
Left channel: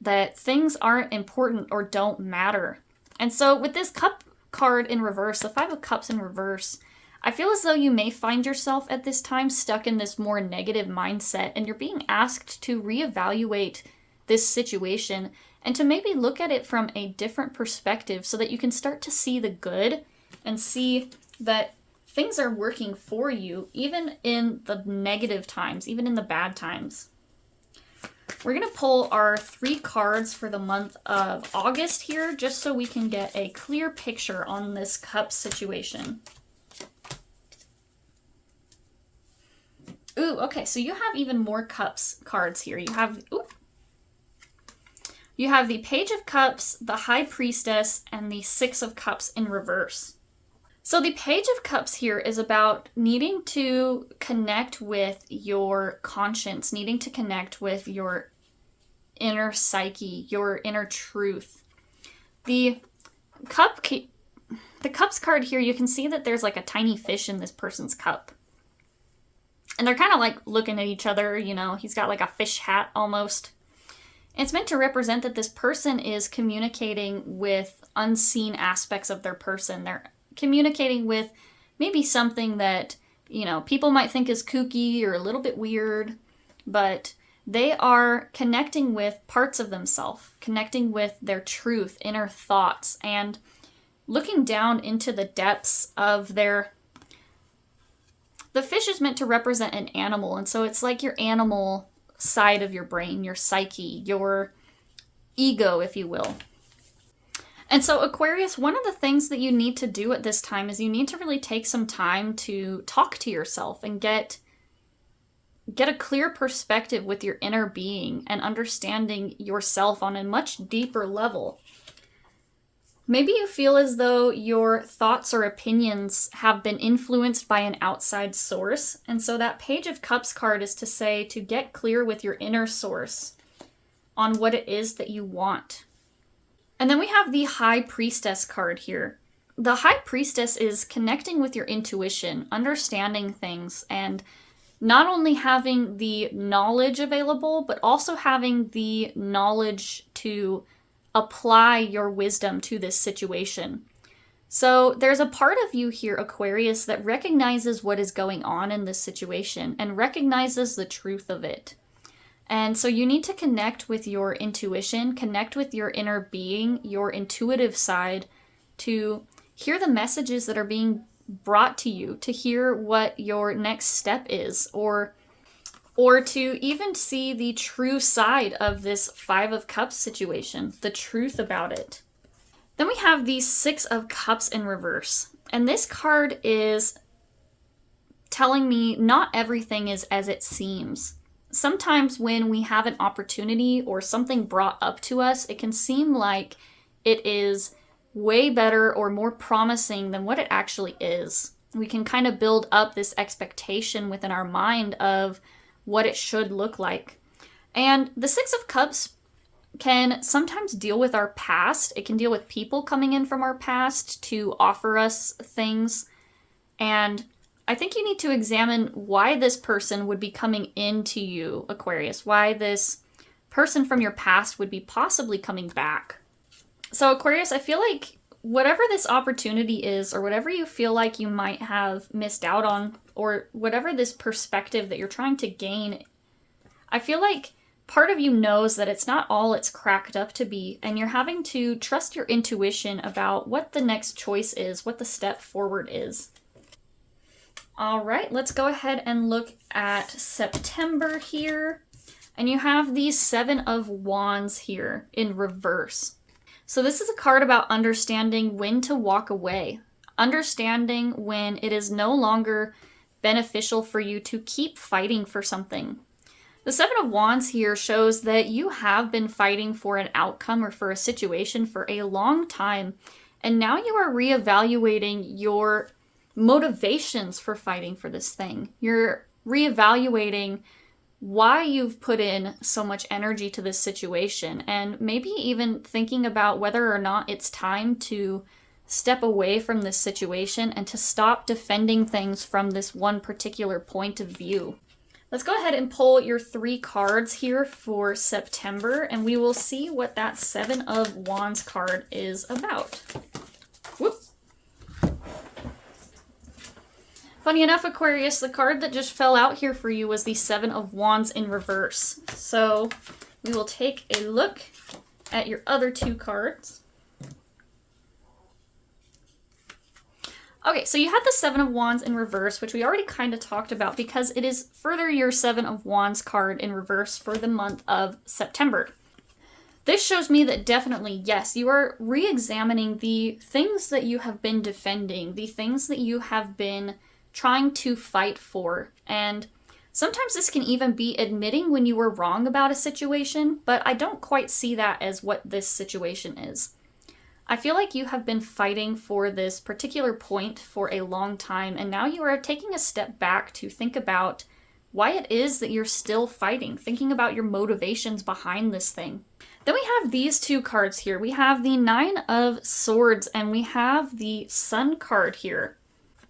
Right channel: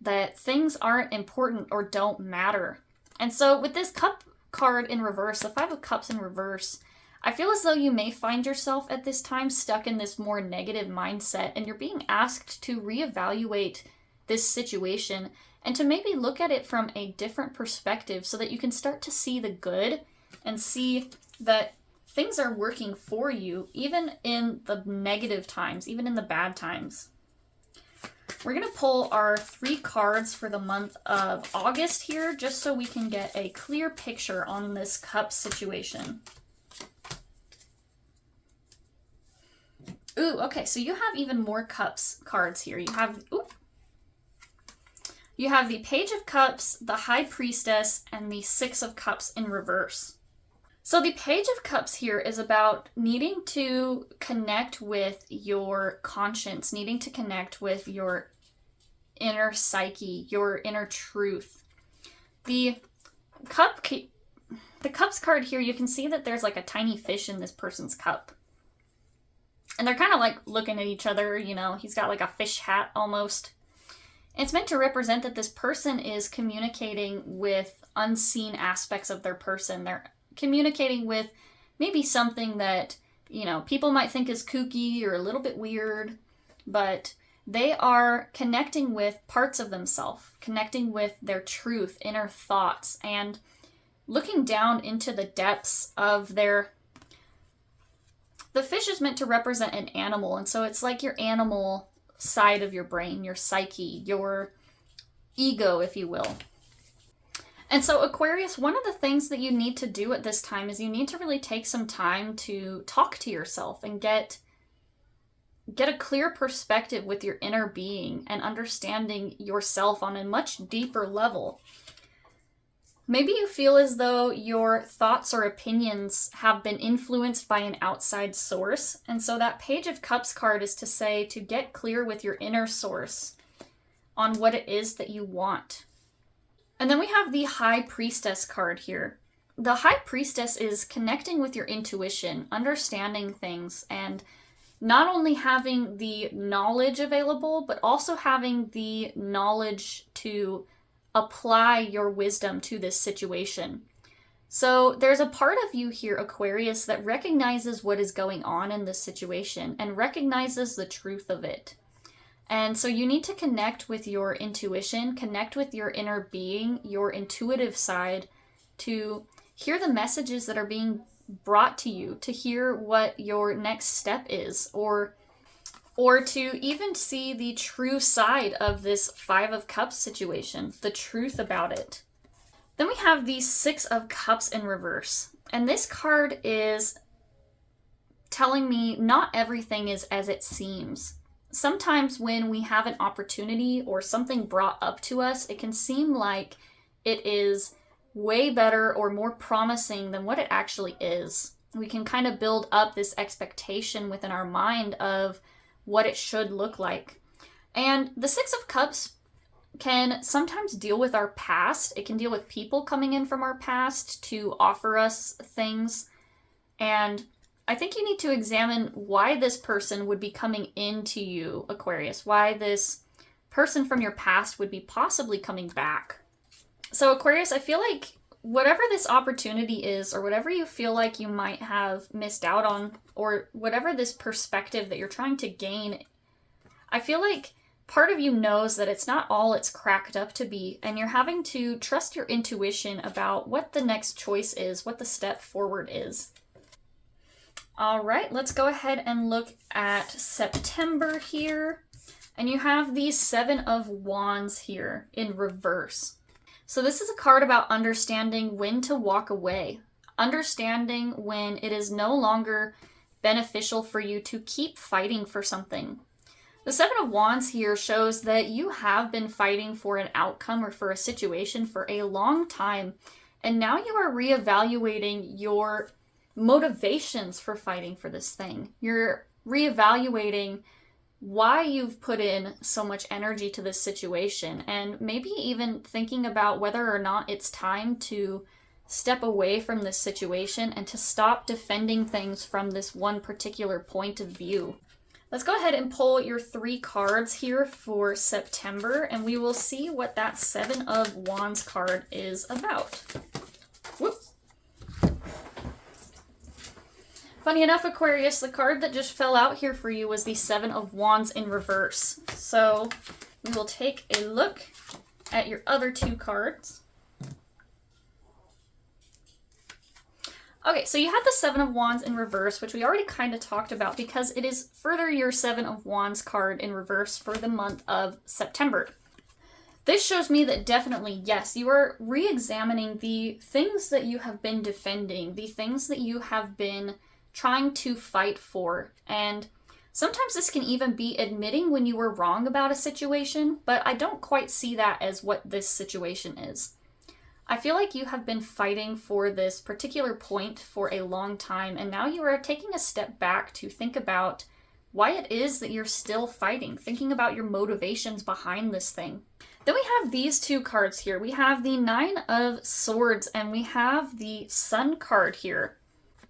that things aren't important or don't matter. And so with this cup card in reverse, the 5 of Cups in reverse, I feel as though you may find yourself at this time stuck in this more negative mindset, and you're being asked to reevaluate this situation and to maybe look at it from a different perspective so that you can start to see the good and see that things are working for you, even in the negative times, even in the bad times. We're going to pull our 3 cards for the month of August here, just so we can get a clear picture on this cup situation. Ooh, okay, so you have even more cups cards here. You have the Page of Cups, the High Priestess, and the 6 of Cups in reverse. So the Page of Cups here is about needing to connect with your conscience, needing to connect with your inner psyche, your inner truth. The Cups card here, you can see that there's like a tiny fish in this person's cup. And they're kind of like looking at each other, you know, he's got like a fish hat almost. It's meant to represent that this person is communicating with unseen aspects of their person. They're communicating with maybe something that, you know, people might think is kooky or a little bit weird, but they are connecting with parts of themselves, connecting with their truth, inner thoughts, and looking down into the depths of their... The fish is meant to represent an animal, and so it's like your animal side of your brain, your psyche, your ego, if you will. And so Aquarius, one of the things that you need to do at this time is you need to really take some time to talk to yourself and get a clear perspective with your inner being and understanding yourself on a much deeper level. Maybe you feel as though your thoughts or opinions have been influenced by an outside source. And so that Page of Cups card is to say to get clear with your inner source on what it is that you want. And then we have the High Priestess card here. The High Priestess is connecting with your intuition, understanding things, and not only having the knowledge available, but also having the knowledge to apply your wisdom to this situation. So there's a part of you here, Aquarius, that recognizes what is going on in this situation and recognizes the truth of it. And so you need to connect with your intuition, connect with your inner being, your intuitive side, to hear the messages that are being brought to you, to hear what your next step is, or to even see the true side of this 5 of Cups situation, the truth about it. Then we have the 6 of Cups in reverse. And this card is telling me not everything is as it seems. Sometimes when we have an opportunity or something brought up to us, it can seem like it is way better or more promising than what it actually is. We can kind of build up this expectation within our mind of what it should look like. And the 6 of Cups can sometimes deal with our past. It can deal with people coming in from our past to offer us things. And I think you need to examine why this person would be coming into you, Aquarius, why this person from your past would be possibly coming back. So Aquarius, I feel like whatever this opportunity is, or whatever you feel like you might have missed out on, or whatever this perspective that you're trying to gain, I feel like part of you knows that it's not all it's cracked up to be, and you're having to trust your intuition about what the next choice is, what the step forward is. All right, let's go ahead and look at September here. And you have the 7 of Wands here in reverse. So this is a card about understanding when to walk away, understanding when it is no longer beneficial for you to keep fighting for something. The 7 of Wands here shows that you have been fighting for an outcome or for a situation for a long time, and now you are reevaluating your motivations for fighting for this thing. You're reevaluating why you've put in so much energy to this situation, and maybe even thinking about whether or not it's time to step away from this situation and to stop defending things from this one particular point of view. Let's go ahead and pull your 3 cards here for September, and we will see what that 7 of Wands card is about. Whoop. Funny enough, Aquarius, the card that just fell out here for you was the 7 of Wands in reverse. So we will take a look at your other 2 cards. Okay, so you had the Seven of Wands in reverse, which we already kind of talked about because it is further your Seven of Wands card in reverse for the month of September. This shows me that definitely, yes, you are re-examining the things that you have been defending, the things that you have been trying to fight for. And sometimes this can even be admitting when you were wrong about a situation, but I don't quite see that as what this situation is. I feel like you have been fighting for this particular point for a long time, and now you are taking a step back to think about why it is that you're still fighting, thinking about your motivations behind this thing. Then we have these two cards here. We have the Nine of Swords, and we have the Sun card here.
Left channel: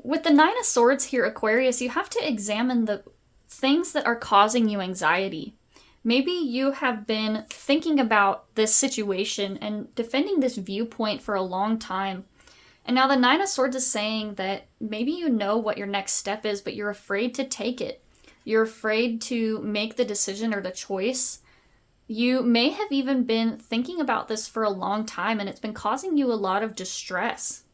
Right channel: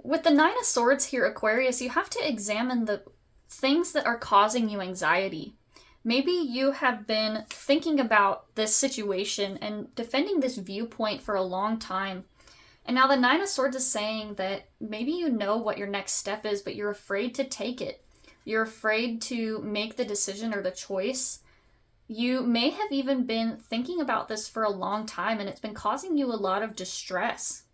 With the Nine of Swords here, Aquarius, you have to examine the things that are causing you anxiety. Maybe you have been thinking about this situation and defending this viewpoint for a long time. And now the Nine of Swords is saying that maybe you know what your next step is, but you're afraid to take it. You're afraid to make the decision or the choice. You may have even been thinking about this for a long time, and it's been causing you a lot of distress.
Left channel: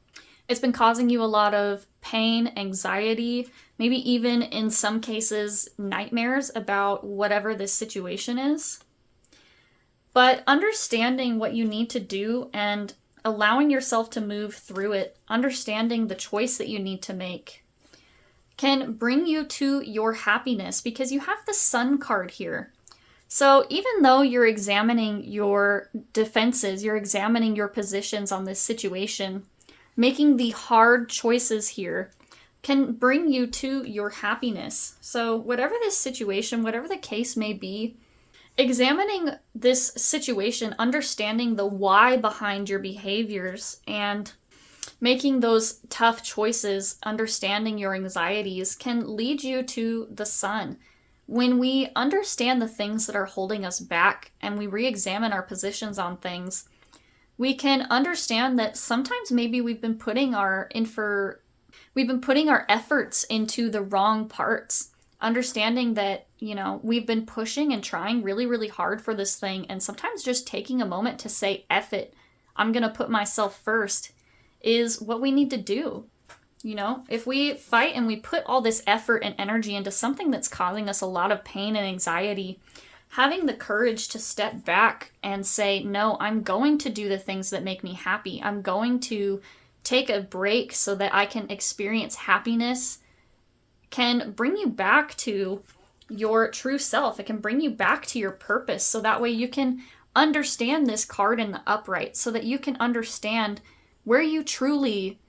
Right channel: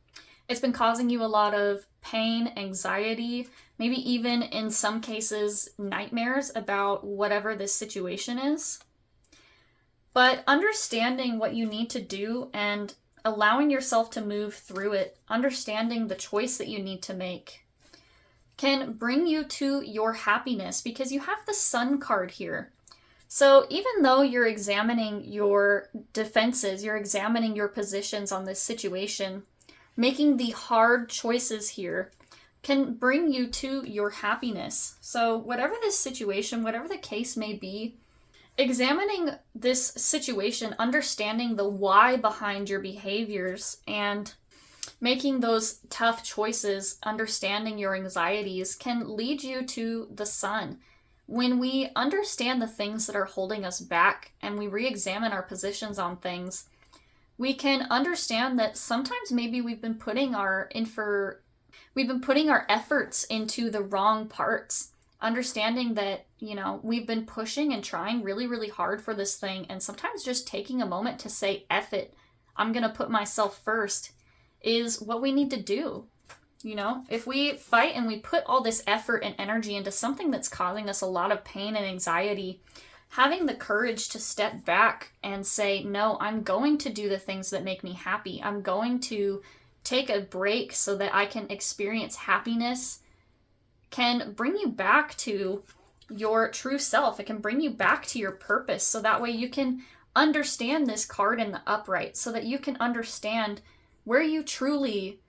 It's been causing you a lot of pain, anxiety, maybe even in some cases nightmares about whatever this situation is. But understanding what you need to do and allowing yourself to move through it, understanding the choice that you need to make, can bring you to your happiness because you have the Sun card here. So even though you're examining your defenses, you're examining your positions on this situation, making the hard choices here can bring you to your happiness. So whatever this situation, whatever the case may be, examining this situation, understanding the why behind your behaviors, and making those tough choices, understanding your anxieties, can lead you to the Sun. When we understand the things that are holding us back and we re-examine our positions on things, we can understand that sometimes maybe we've been putting our efforts into the wrong parts. Understanding that, we've been pushing and trying really, really hard for this thing, and sometimes just taking a moment to say, F it, I'm going to put myself first, is what we need to do. If we fight and we put all this effort and energy into something that's causing us a lot of pain and anxiety, having the courage to step back and say, no, I'm going to do the things that make me happy. I'm going to take a break so that I can experience happiness, can bring you back to your true self. It can bring you back to your purpose. So that way you can understand this card in the upright, so that you can understand where you truly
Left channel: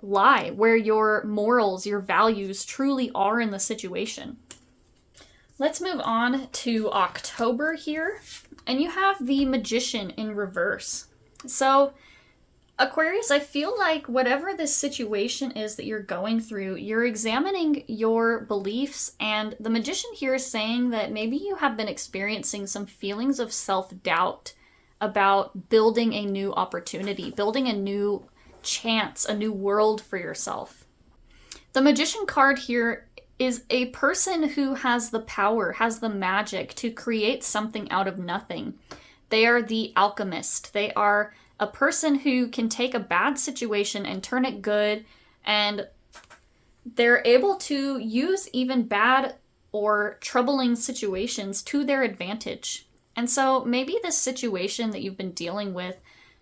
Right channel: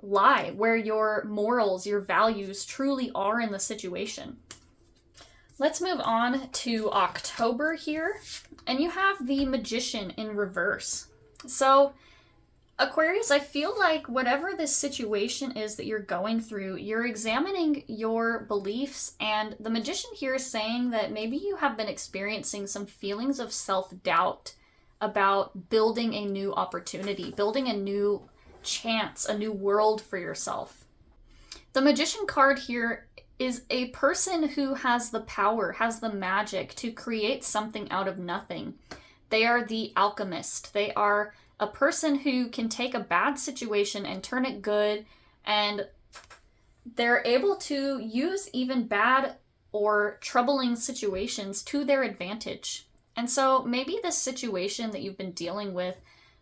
lie, where your morals, your values truly are in the situation. Let's move on to October here. And you have the Magician in reverse. So Aquarius, I feel like whatever this situation is that you're going through, you're examining your beliefs, and the Magician here is saying that maybe you have been experiencing some feelings of self-doubt about building a new opportunity, building a new chance, a new world for yourself. The Magician card here is a person who has the power, has the magic to create something out of nothing. They are the alchemist. They are a person who can take a bad situation and turn it good, and they're able to use even bad or troubling situations to their advantage. And so maybe this situation that you've been dealing with,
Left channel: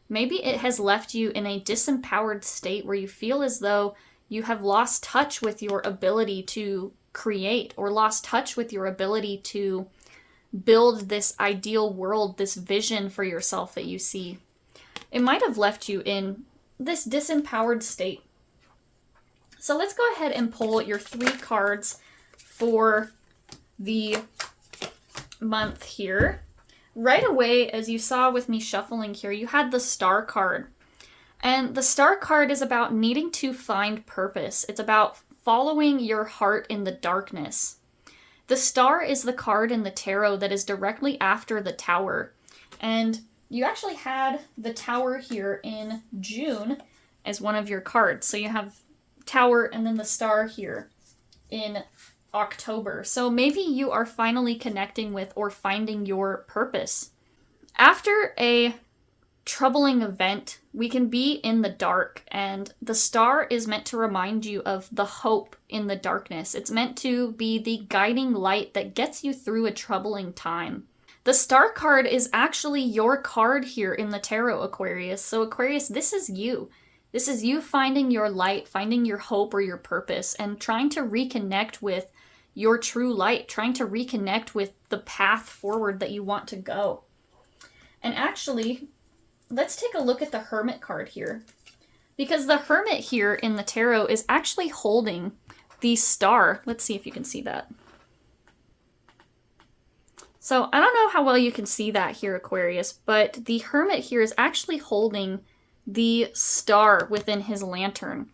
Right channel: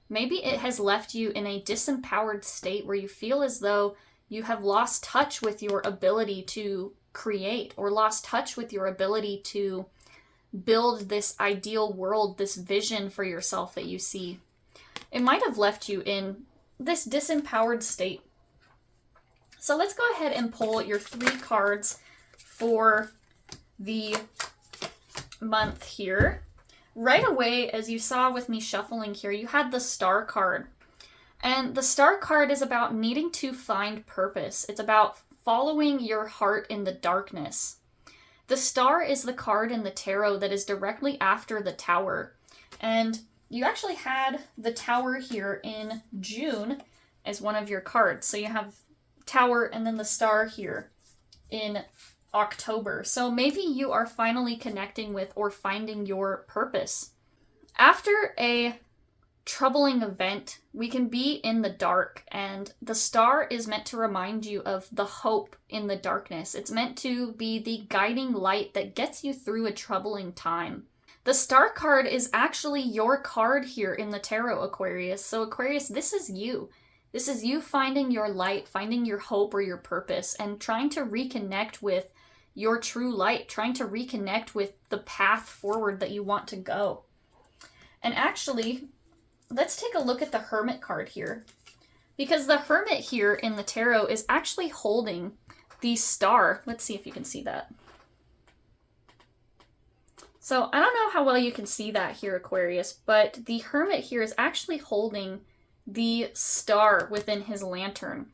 maybe it has left you in a disempowered state where you feel as though you have lost touch with your ability to create, or lost touch with your ability to build this ideal world, this vision for yourself that you see. It might have left you in this disempowered state. So let's go ahead and pull your 3 cards for the month here. Right away, as you saw with me shuffling here, you had the Star card. And the Star card is about needing to find purpose. It's about following your heart in the darkness. The Star is the card in the tarot that is directly after the Tower. And you actually had the Tower here in June as one of your cards. So you have Tower and then the Star here in October. So maybe you are finally connecting with or finding your purpose. After a troubling event, we can be in the dark, and the star is meant to remind you of the hope in the darkness. It's meant to be the guiding light that gets you through a troubling time. The star card is actually your card here in the tarot, Aquarius. So Aquarius, this is you. This is you finding your light, finding your hope or your purpose, and trying to reconnect with your true light, trying to reconnect with the path forward that you want to go. And actually, let's take a look at the Hermit card here. Because the Hermit here in the tarot is actually holding the star. Let's see if you can see that. So I don't know how well you can see that here, Aquarius, but the Hermit here is actually holding the star within his lantern.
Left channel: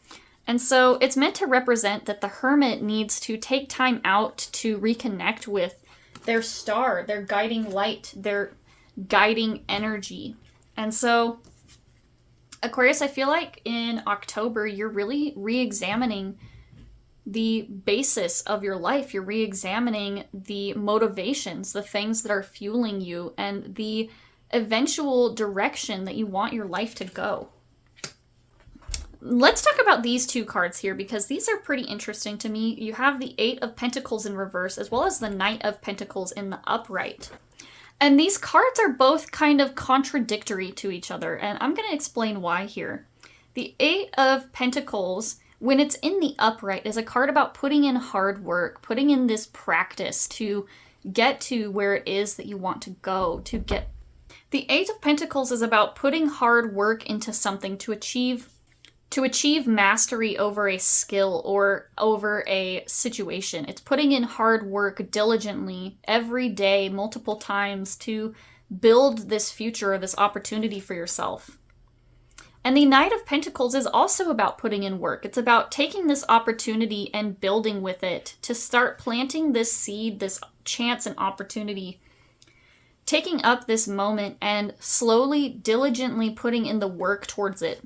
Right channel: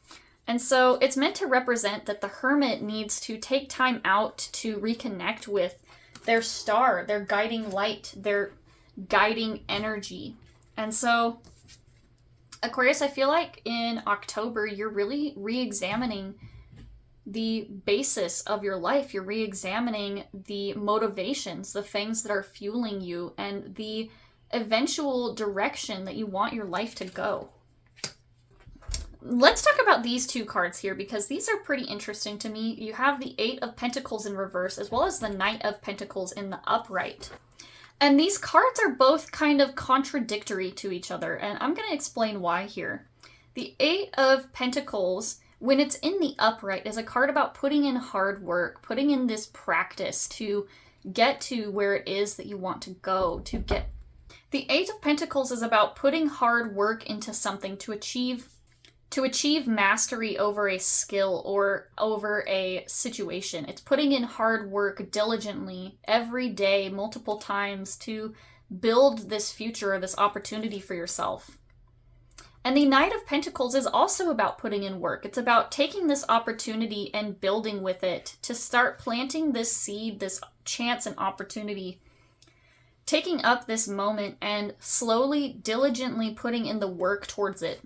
And so it's meant to represent that the Hermit needs to take time out to reconnect with their star, their guiding light, their guiding energy. And so, Aquarius, I feel like in October, you're really re-examining the basis of your life. You're re-examining the motivations, the things that are fueling you, and the eventual direction that you want your life to go. Let's talk about these two cards here, because these are pretty interesting to me. You have the Eight of Pentacles in reverse, as well as the Knight of Pentacles in the upright. And these cards are both kind of contradictory to each other, and I'm going to explain why here. The Eight of Pentacles, when it's in the upright, is a card about putting in hard work, putting in this practice to get to where it is that you want to go, to get. The Eight of Pentacles is about putting hard work into something to achieve mastery over a skill or over a situation. It's putting in hard work diligently every day, multiple times, to build this future or this opportunity for yourself. And the Knight of Pentacles is also about putting in work. It's about taking this opportunity and building with it to start planting this seed, this chance and opportunity, taking up this moment and slowly, diligently putting in the work towards it.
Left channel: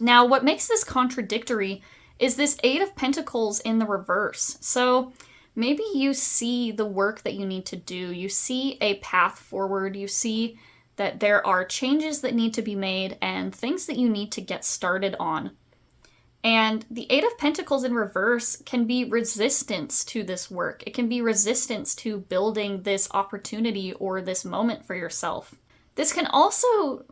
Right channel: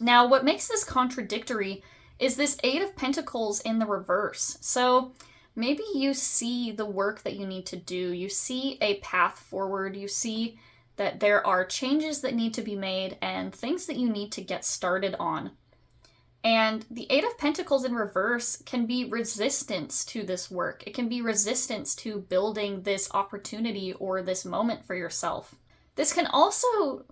Now, what makes this contradictory is this Eight of Pentacles in the reverse. So maybe you see the work that you need to do. You see a path forward. You see that there are changes that need to be made and things that you need to get started on. And the Eight of Pentacles in reverse can be resistance to this work. It can be resistance to building this opportunity or this moment for yourself. This can also,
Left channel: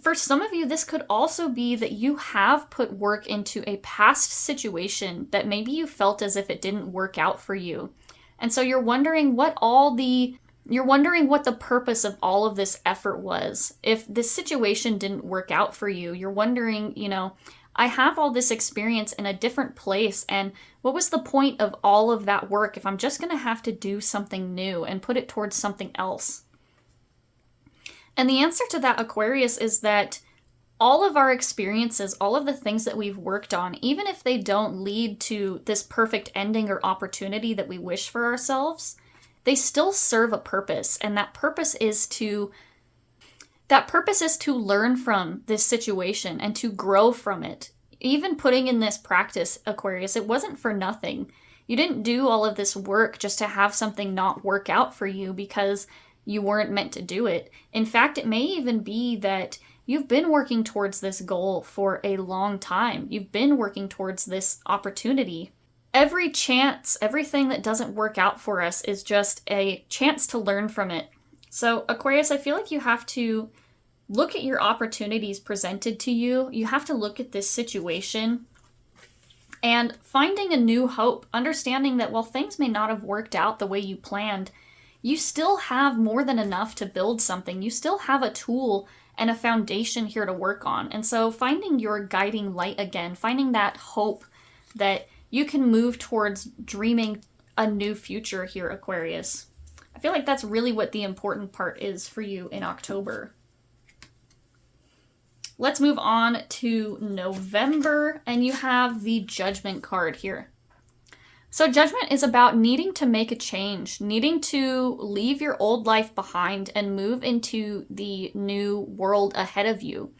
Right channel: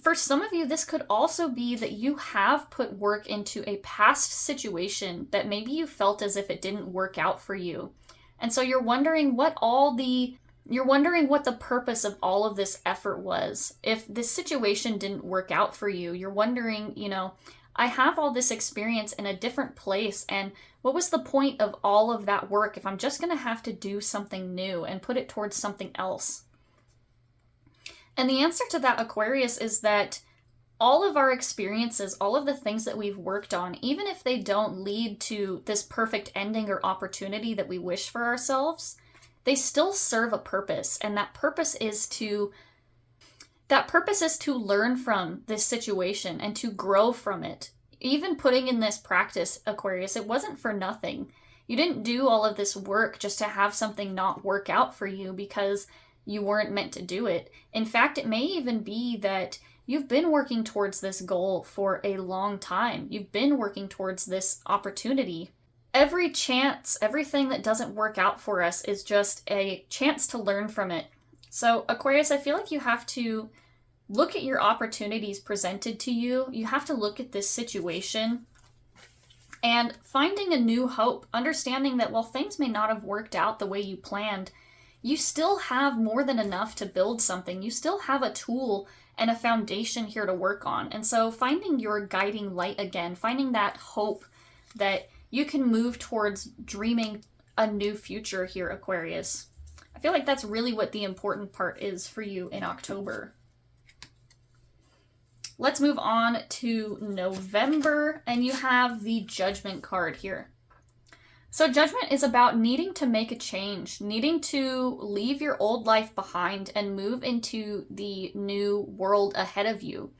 for some of you, this could also be that you have put work into a past situation that maybe you felt as if it didn't work out for you. And so you're wondering what the purpose of all of this effort was. If this situation didn't work out for you, you're wondering, I have all this experience in a different place, and what was the point of all of that work if I'm just going to have to do something new and put it towards something else? And the answer to that, Aquarius, is that all of our experiences, all of the things that we've worked on, even if they don't lead to this perfect ending or opportunity that we wish for ourselves, they still serve a purpose. And that purpose is to learn from this situation and to grow from it. Even putting in this practice, Aquarius, it wasn't for nothing. You didn't do all of this work just to have something not work out for you because you weren't meant to do it. In fact, it may even be that you've been working towards this goal for a long time. You've been working towards this opportunity. Every chance, everything that doesn't work out for us is just a chance to learn from it. So, Aquarius, I feel like you have to look at your opportunities presented to you. You have to look at this situation and finding a new hope, understanding that while things may not have worked out the way you planned, you still have more than enough to build something. You still have a tool and a foundation here to work on. And so finding your guiding light again, finding that hope that you can move towards dreaming a new future here, Aquarius. I feel like that's really what the important part is for you in October. Let's move on to November, and you have the Judgment card here. So Judgment is about needing to make a change, needing to leave your old life behind and move into the new world ahead of you.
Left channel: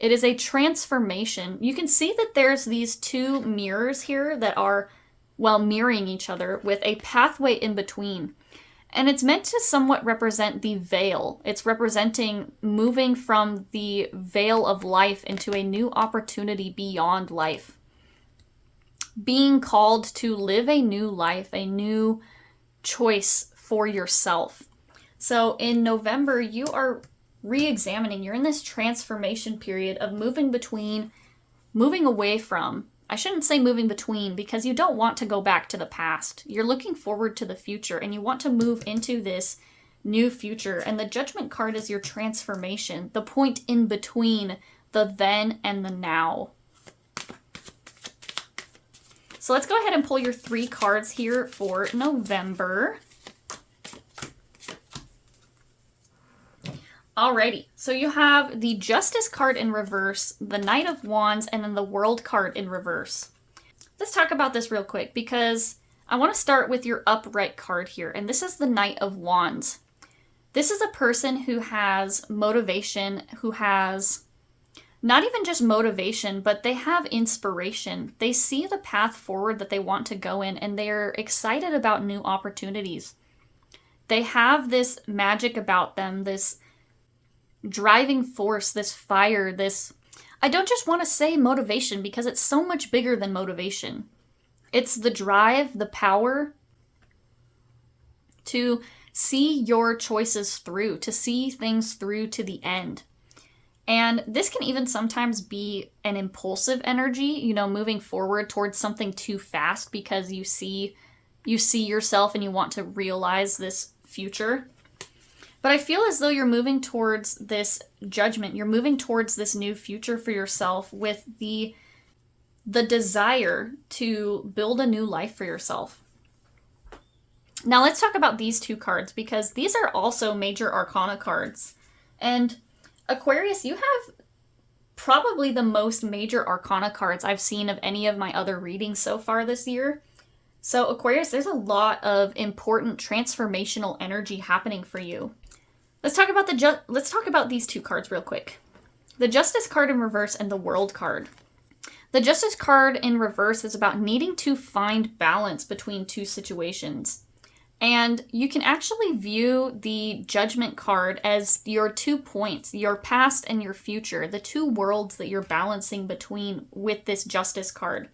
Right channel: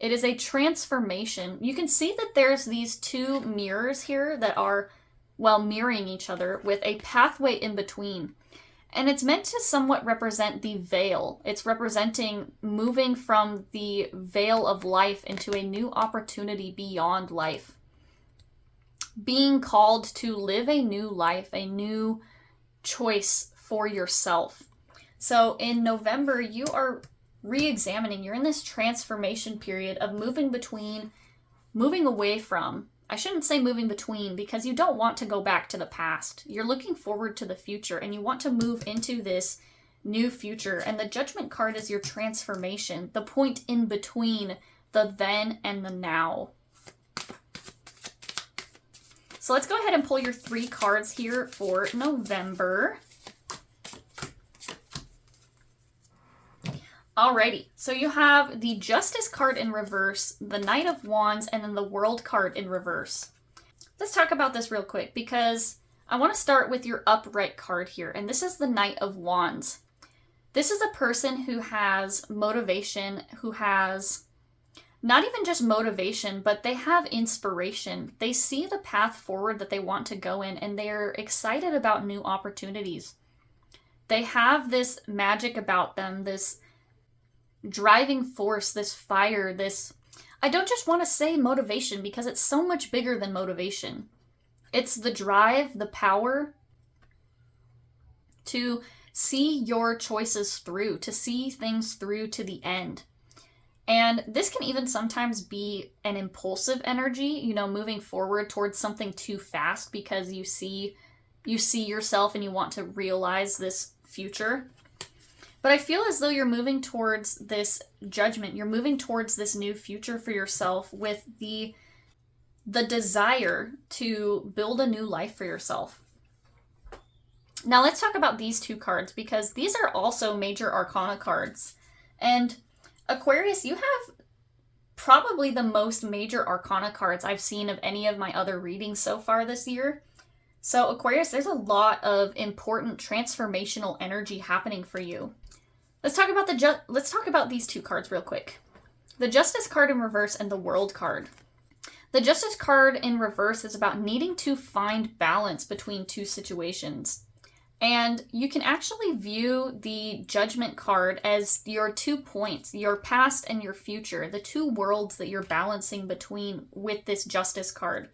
It is a transformation. You can see that there's these two mirrors here that are, mirroring each other with a pathway in between. And it's meant to somewhat represent the veil. It's representing moving from the veil of life into a new opportunity beyond life. Being called to live a new life, a new choice for yourself. So in November, you are re-examining. You're in this transformation period of moving away from. I shouldn't say moving between, because you don't want to go back to the past. You're looking forward to the future, and you want to move into this new future. And the Judgment card is your transformation, the point in between the then and the now. So let's go ahead and pull your 3 cards here for November. Alrighty, so you have the Justice card in reverse, the Knight of Wands, and then the World card in reverse. Let's talk about this real quick, because I want to start with your upright card here, and this is the Knight of Wands. This is a person who has motivation, who has not even just motivation, but they have inspiration. They see the path forward that they want to go in, and they're excited about new opportunities. They have this magic about them, this driving force, this fire, this... I don't just want to say motivation, because it's so much bigger than motivation. It's the drive, the power to see your choices through, to see things through to the end. And this can even sometimes be an impulsive energy, moving forward towards something too fast because you see yourself and you want to realize this future. But I feel as though you're moving towards this judgment. You're moving towards this new future for yourself with the desire to build a new life for yourself. Now let's talk about these 2 cards, because these are also major arcana cards. And Aquarius, you have probably the most major arcana cards I've seen of any of my other readings so far this year. So Aquarius, there's a lot of important transformational energy happening for you. Let's talk about these 2 cards real quick. The Justice card in reverse and the World card. The Justice card in reverse is about needing to find balance between 2 situations. And you can actually view the Judgment card as your 2 points, your past and your future, the 2 worlds that you're balancing between with this Justice card.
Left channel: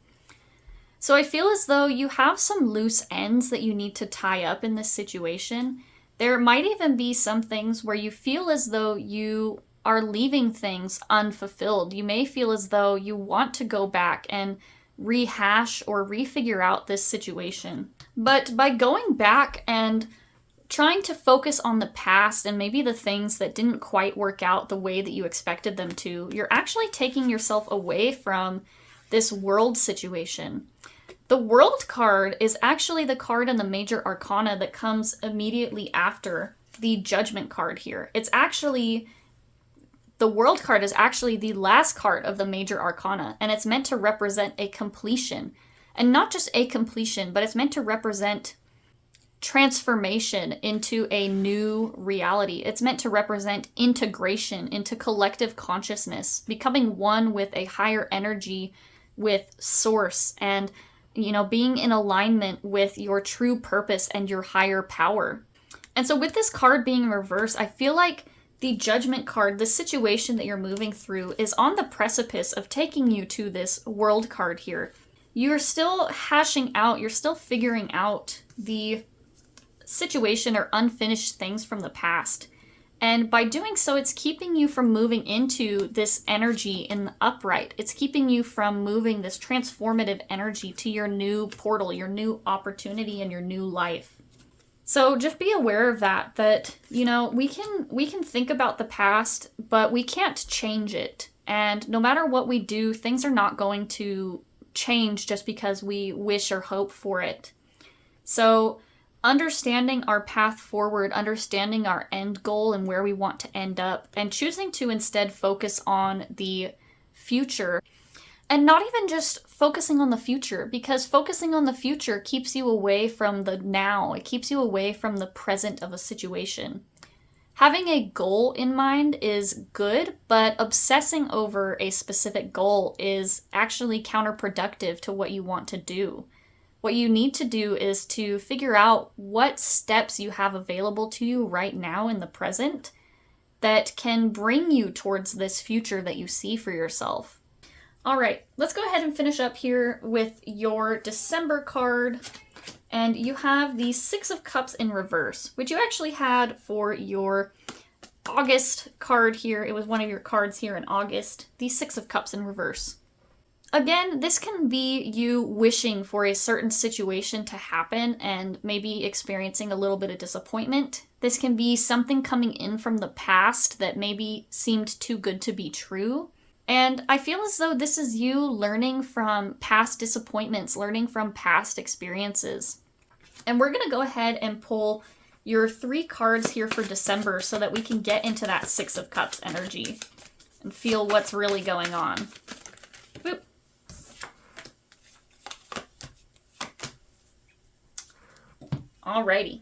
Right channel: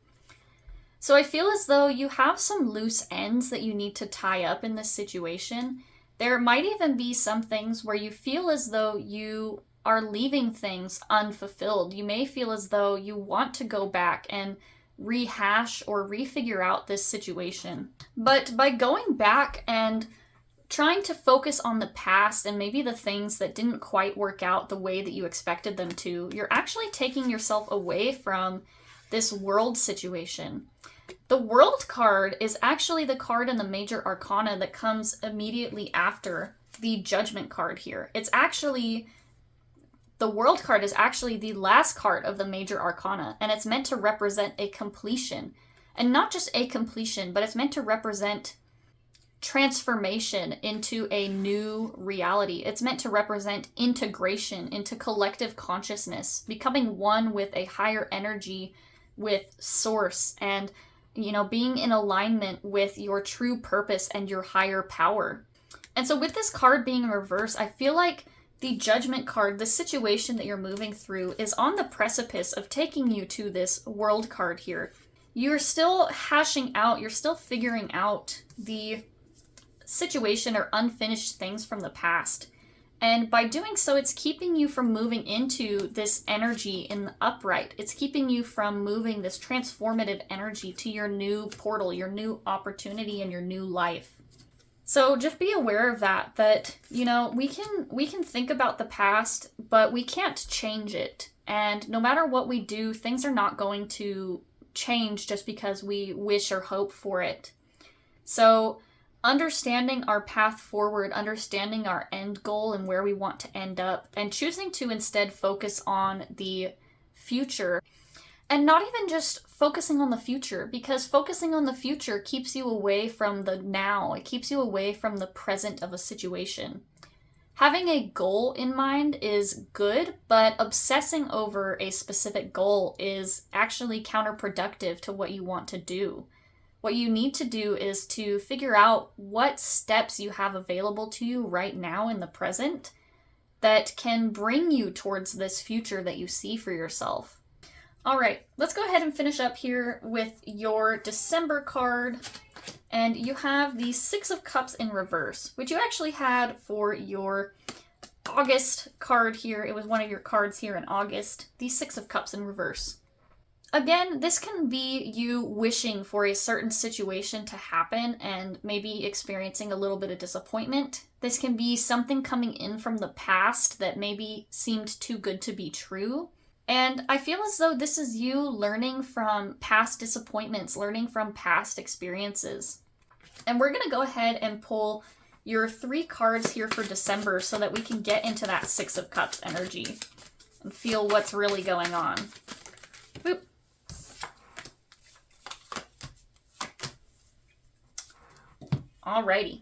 So I feel as though you have some loose ends that you need to tie up in this situation. There might even be some things where you feel as though you are leaving things unfulfilled. You may feel as though you want to go back and rehash or refigure out this situation. But by going back and trying to focus on the past and maybe the things that didn't quite work out the way that you expected them to, you're actually taking yourself away from this world situation. The World card is actually the card in the major arcana that comes immediately after the Judgment card here. The World card is actually the last card of the major arcana, and it's meant to represent a completion. And not just a completion, but it's meant to represent transformation into a new reality. It's meant to represent integration into collective consciousness, becoming one with a higher energy, with source, and being in alignment with your true purpose and your higher power. And so with this card being reversed, I feel like the Judgment card, the situation that you're moving through, is on the precipice of taking you to this World card here. You're still hashing out, you're still figuring out the situation or unfinished things from the past. And by doing so, it's keeping you from moving into this energy in the upright. It's keeping you from moving this transformative energy to your new portal, your new opportunity, and your new life. So just be aware of that we can think about the past, but we can't change it. And no matter what we do, things are not going to change just because we wish or hope for it. So understanding our path forward, understanding our end goal and where we want to end up, and choosing to instead focus on the future. And not even just focusing on the future, because focusing on the future keeps you away from the now. It keeps you away from the present of a situation. Having a goal in mind is good, but obsessing over a specific goal is actually counterproductive to what you want to do. What you need to do is to figure out what steps you have available to you right now in the present that can bring you towards this future that you see for yourself. All right, let's go ahead and finish up here with your December card. And you have the Six of Cups in reverse, which you actually had for your August card here. It was one of your cards here in August, the Six of Cups in reverse. Again, this can be you wishing for a certain situation to happen and maybe experiencing a little bit of disappointment. This can be something coming in from the past that maybe seemed too good to be true. And I feel as though this is you learning from past disappointments, learning from past experiences. And we're going to go ahead and pull your 3 cards here for December so that we can get into that Six of Cups energy and feel what's really going on. Boop. Alrighty.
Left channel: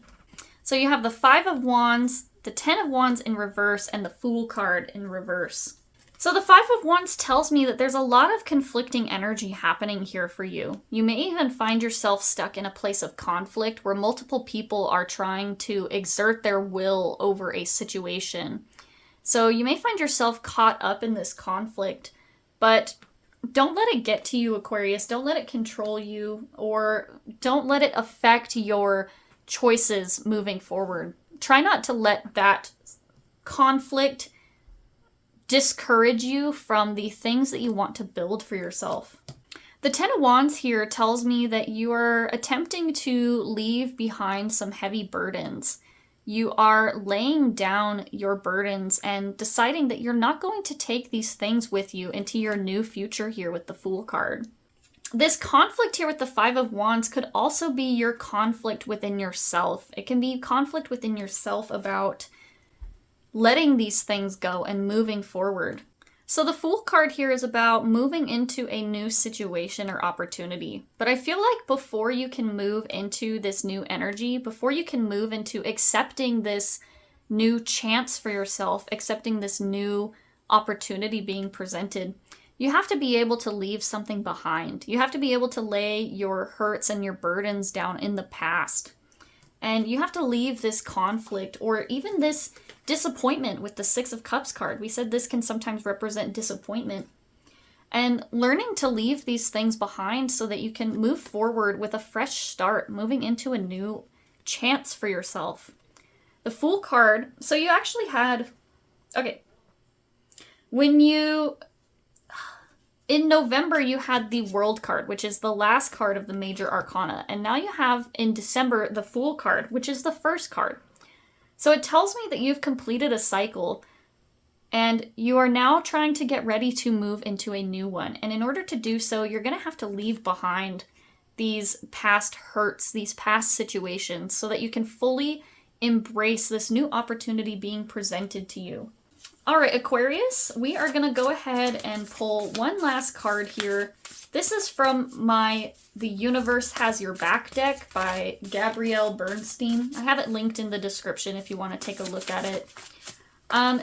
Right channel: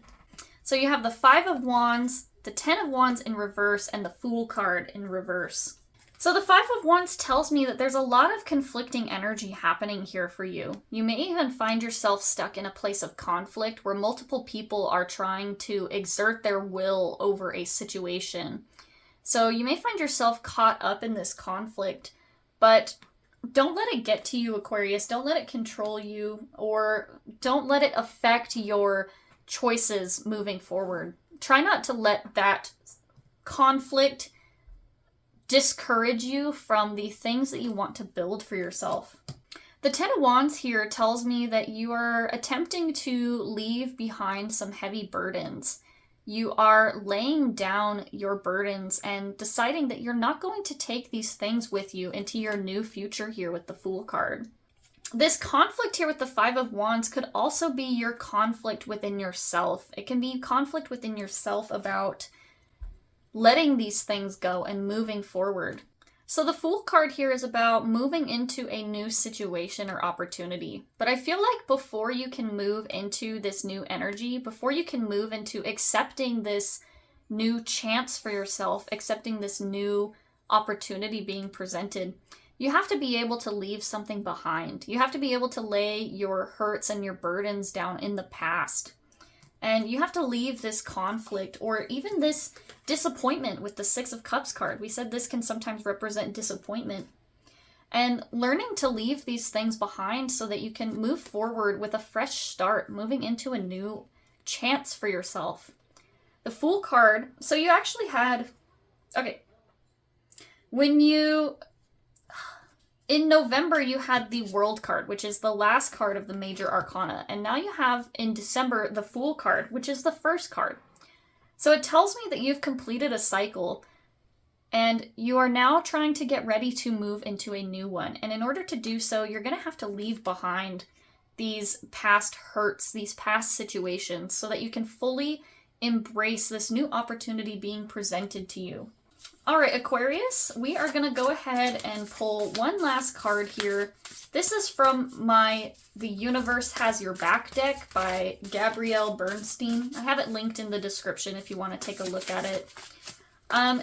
So you have the Five of Wands, the Ten of Wands in reverse, and the Fool card in reverse. So the Five of Wands tells me that there's a lot of conflicting energy happening here for you. You may even find yourself stuck in a place of conflict where multiple people are trying to exert their will over a situation. So you may find yourself caught up in this conflict, but don't let it get to you, Aquarius. Don't let it control you, or don't let it affect your choices moving forward. Try not to let that conflict discourage you from the things that you want to build for yourself. The Ten of Wands here tells me that you are attempting to leave behind some heavy burdens. You are laying down your burdens and deciding that you're not going to take these things with you into your new future here with the Fool card. This conflict here with the Five of Wands could also be your conflict within yourself. It can be conflict within yourself about letting these things go and moving forward. So the Fool card here is about moving into a new situation or opportunity. But I feel like before you can move into this new energy, before you can move into accepting this new chance for yourself, accepting this new opportunity being presented, you have to be able to leave something behind. You have to be able to lay your hurts and your burdens down in the past. And you have to leave this conflict or even this disappointment with the Six of Cups card. We said this can sometimes represent disappointment. And learning to leave these things behind so that you can move forward with a fresh start, moving into a new chance for yourself. The Fool card, so you actually had, okay, in November, you had the World card, which is the last card of the major arcana. And now you have, in December, the Fool card, which is the first card. So it tells me that you've completed a cycle and you are now trying to get ready to move into a new one. And in order to do so, you're going to have to leave behind these past hurts, these past situations, so that you can fully embrace this new opportunity being presented to you. All right, Aquarius, we are going to go ahead and pull one last card here. This is from The Universe Has Your Back deck by Gabrielle Bernstein. I have it linked in the description if you want to take a look at it.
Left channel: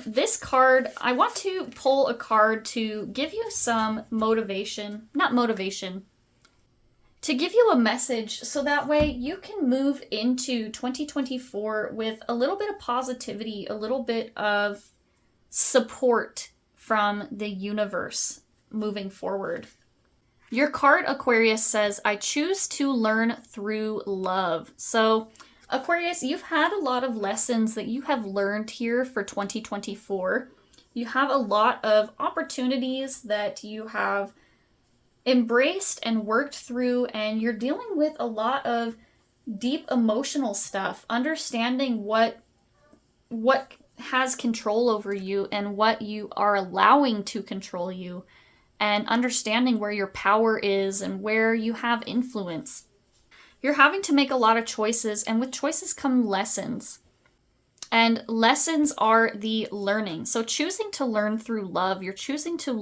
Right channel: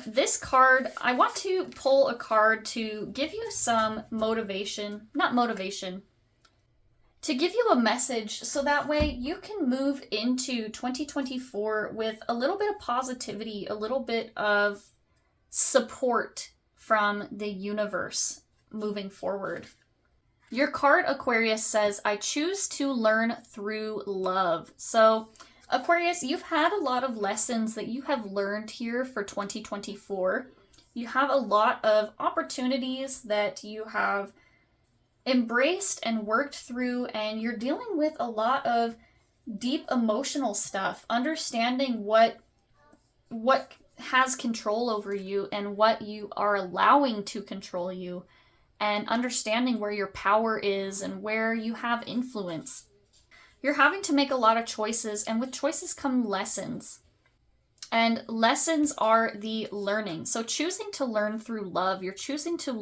This card, I want to pull a card to give you some motivation, to give you a message so that way you can move into 2024 with a little bit of positivity, a little bit of support from the universe moving forward. Your card, Aquarius, says, I choose to learn through love. So, Aquarius, you've had a lot of lessons that you have learned here for 2024. You have a lot of opportunities that you have embraced and worked through, and you're dealing with a lot of deep emotional stuff, understanding what has control over you and what you are allowing to control you, and understanding where your power is and where you have influence. You're having to make a lot of choices, and with choices come lessons. And lessons are the learning. So choosing to learn through love, you're choosing to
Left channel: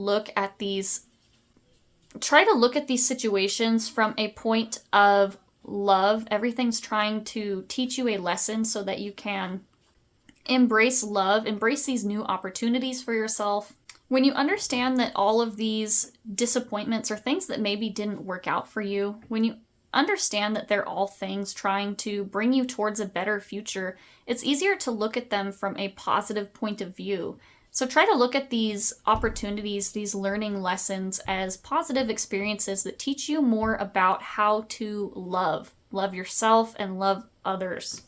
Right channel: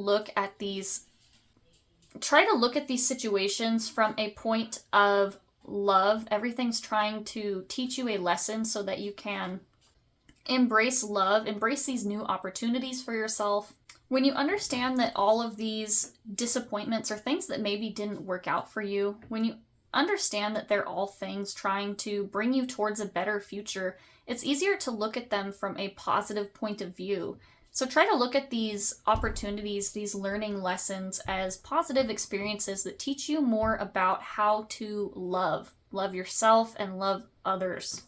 try to look at these situations from a point of love. Everything's trying to teach you a lesson so that you can embrace love, embrace these new opportunities for yourself. When you understand that all of these disappointments are things that maybe didn't work out for you, when you understand that they're all things trying to bring you towards a better future, it's easier to look at them from a positive point of view. So try to look at these opportunities, these learning lessons, as positive experiences that teach you more about how to love yourself and love others.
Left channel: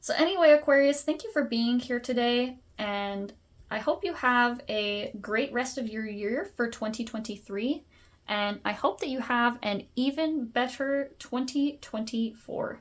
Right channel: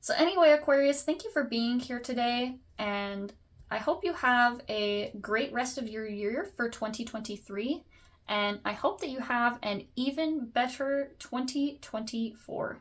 So anyway, Aquarius, thank you for being here today, and I hope you have a great rest of your year for 2023, and I hope that you have an even better 2024.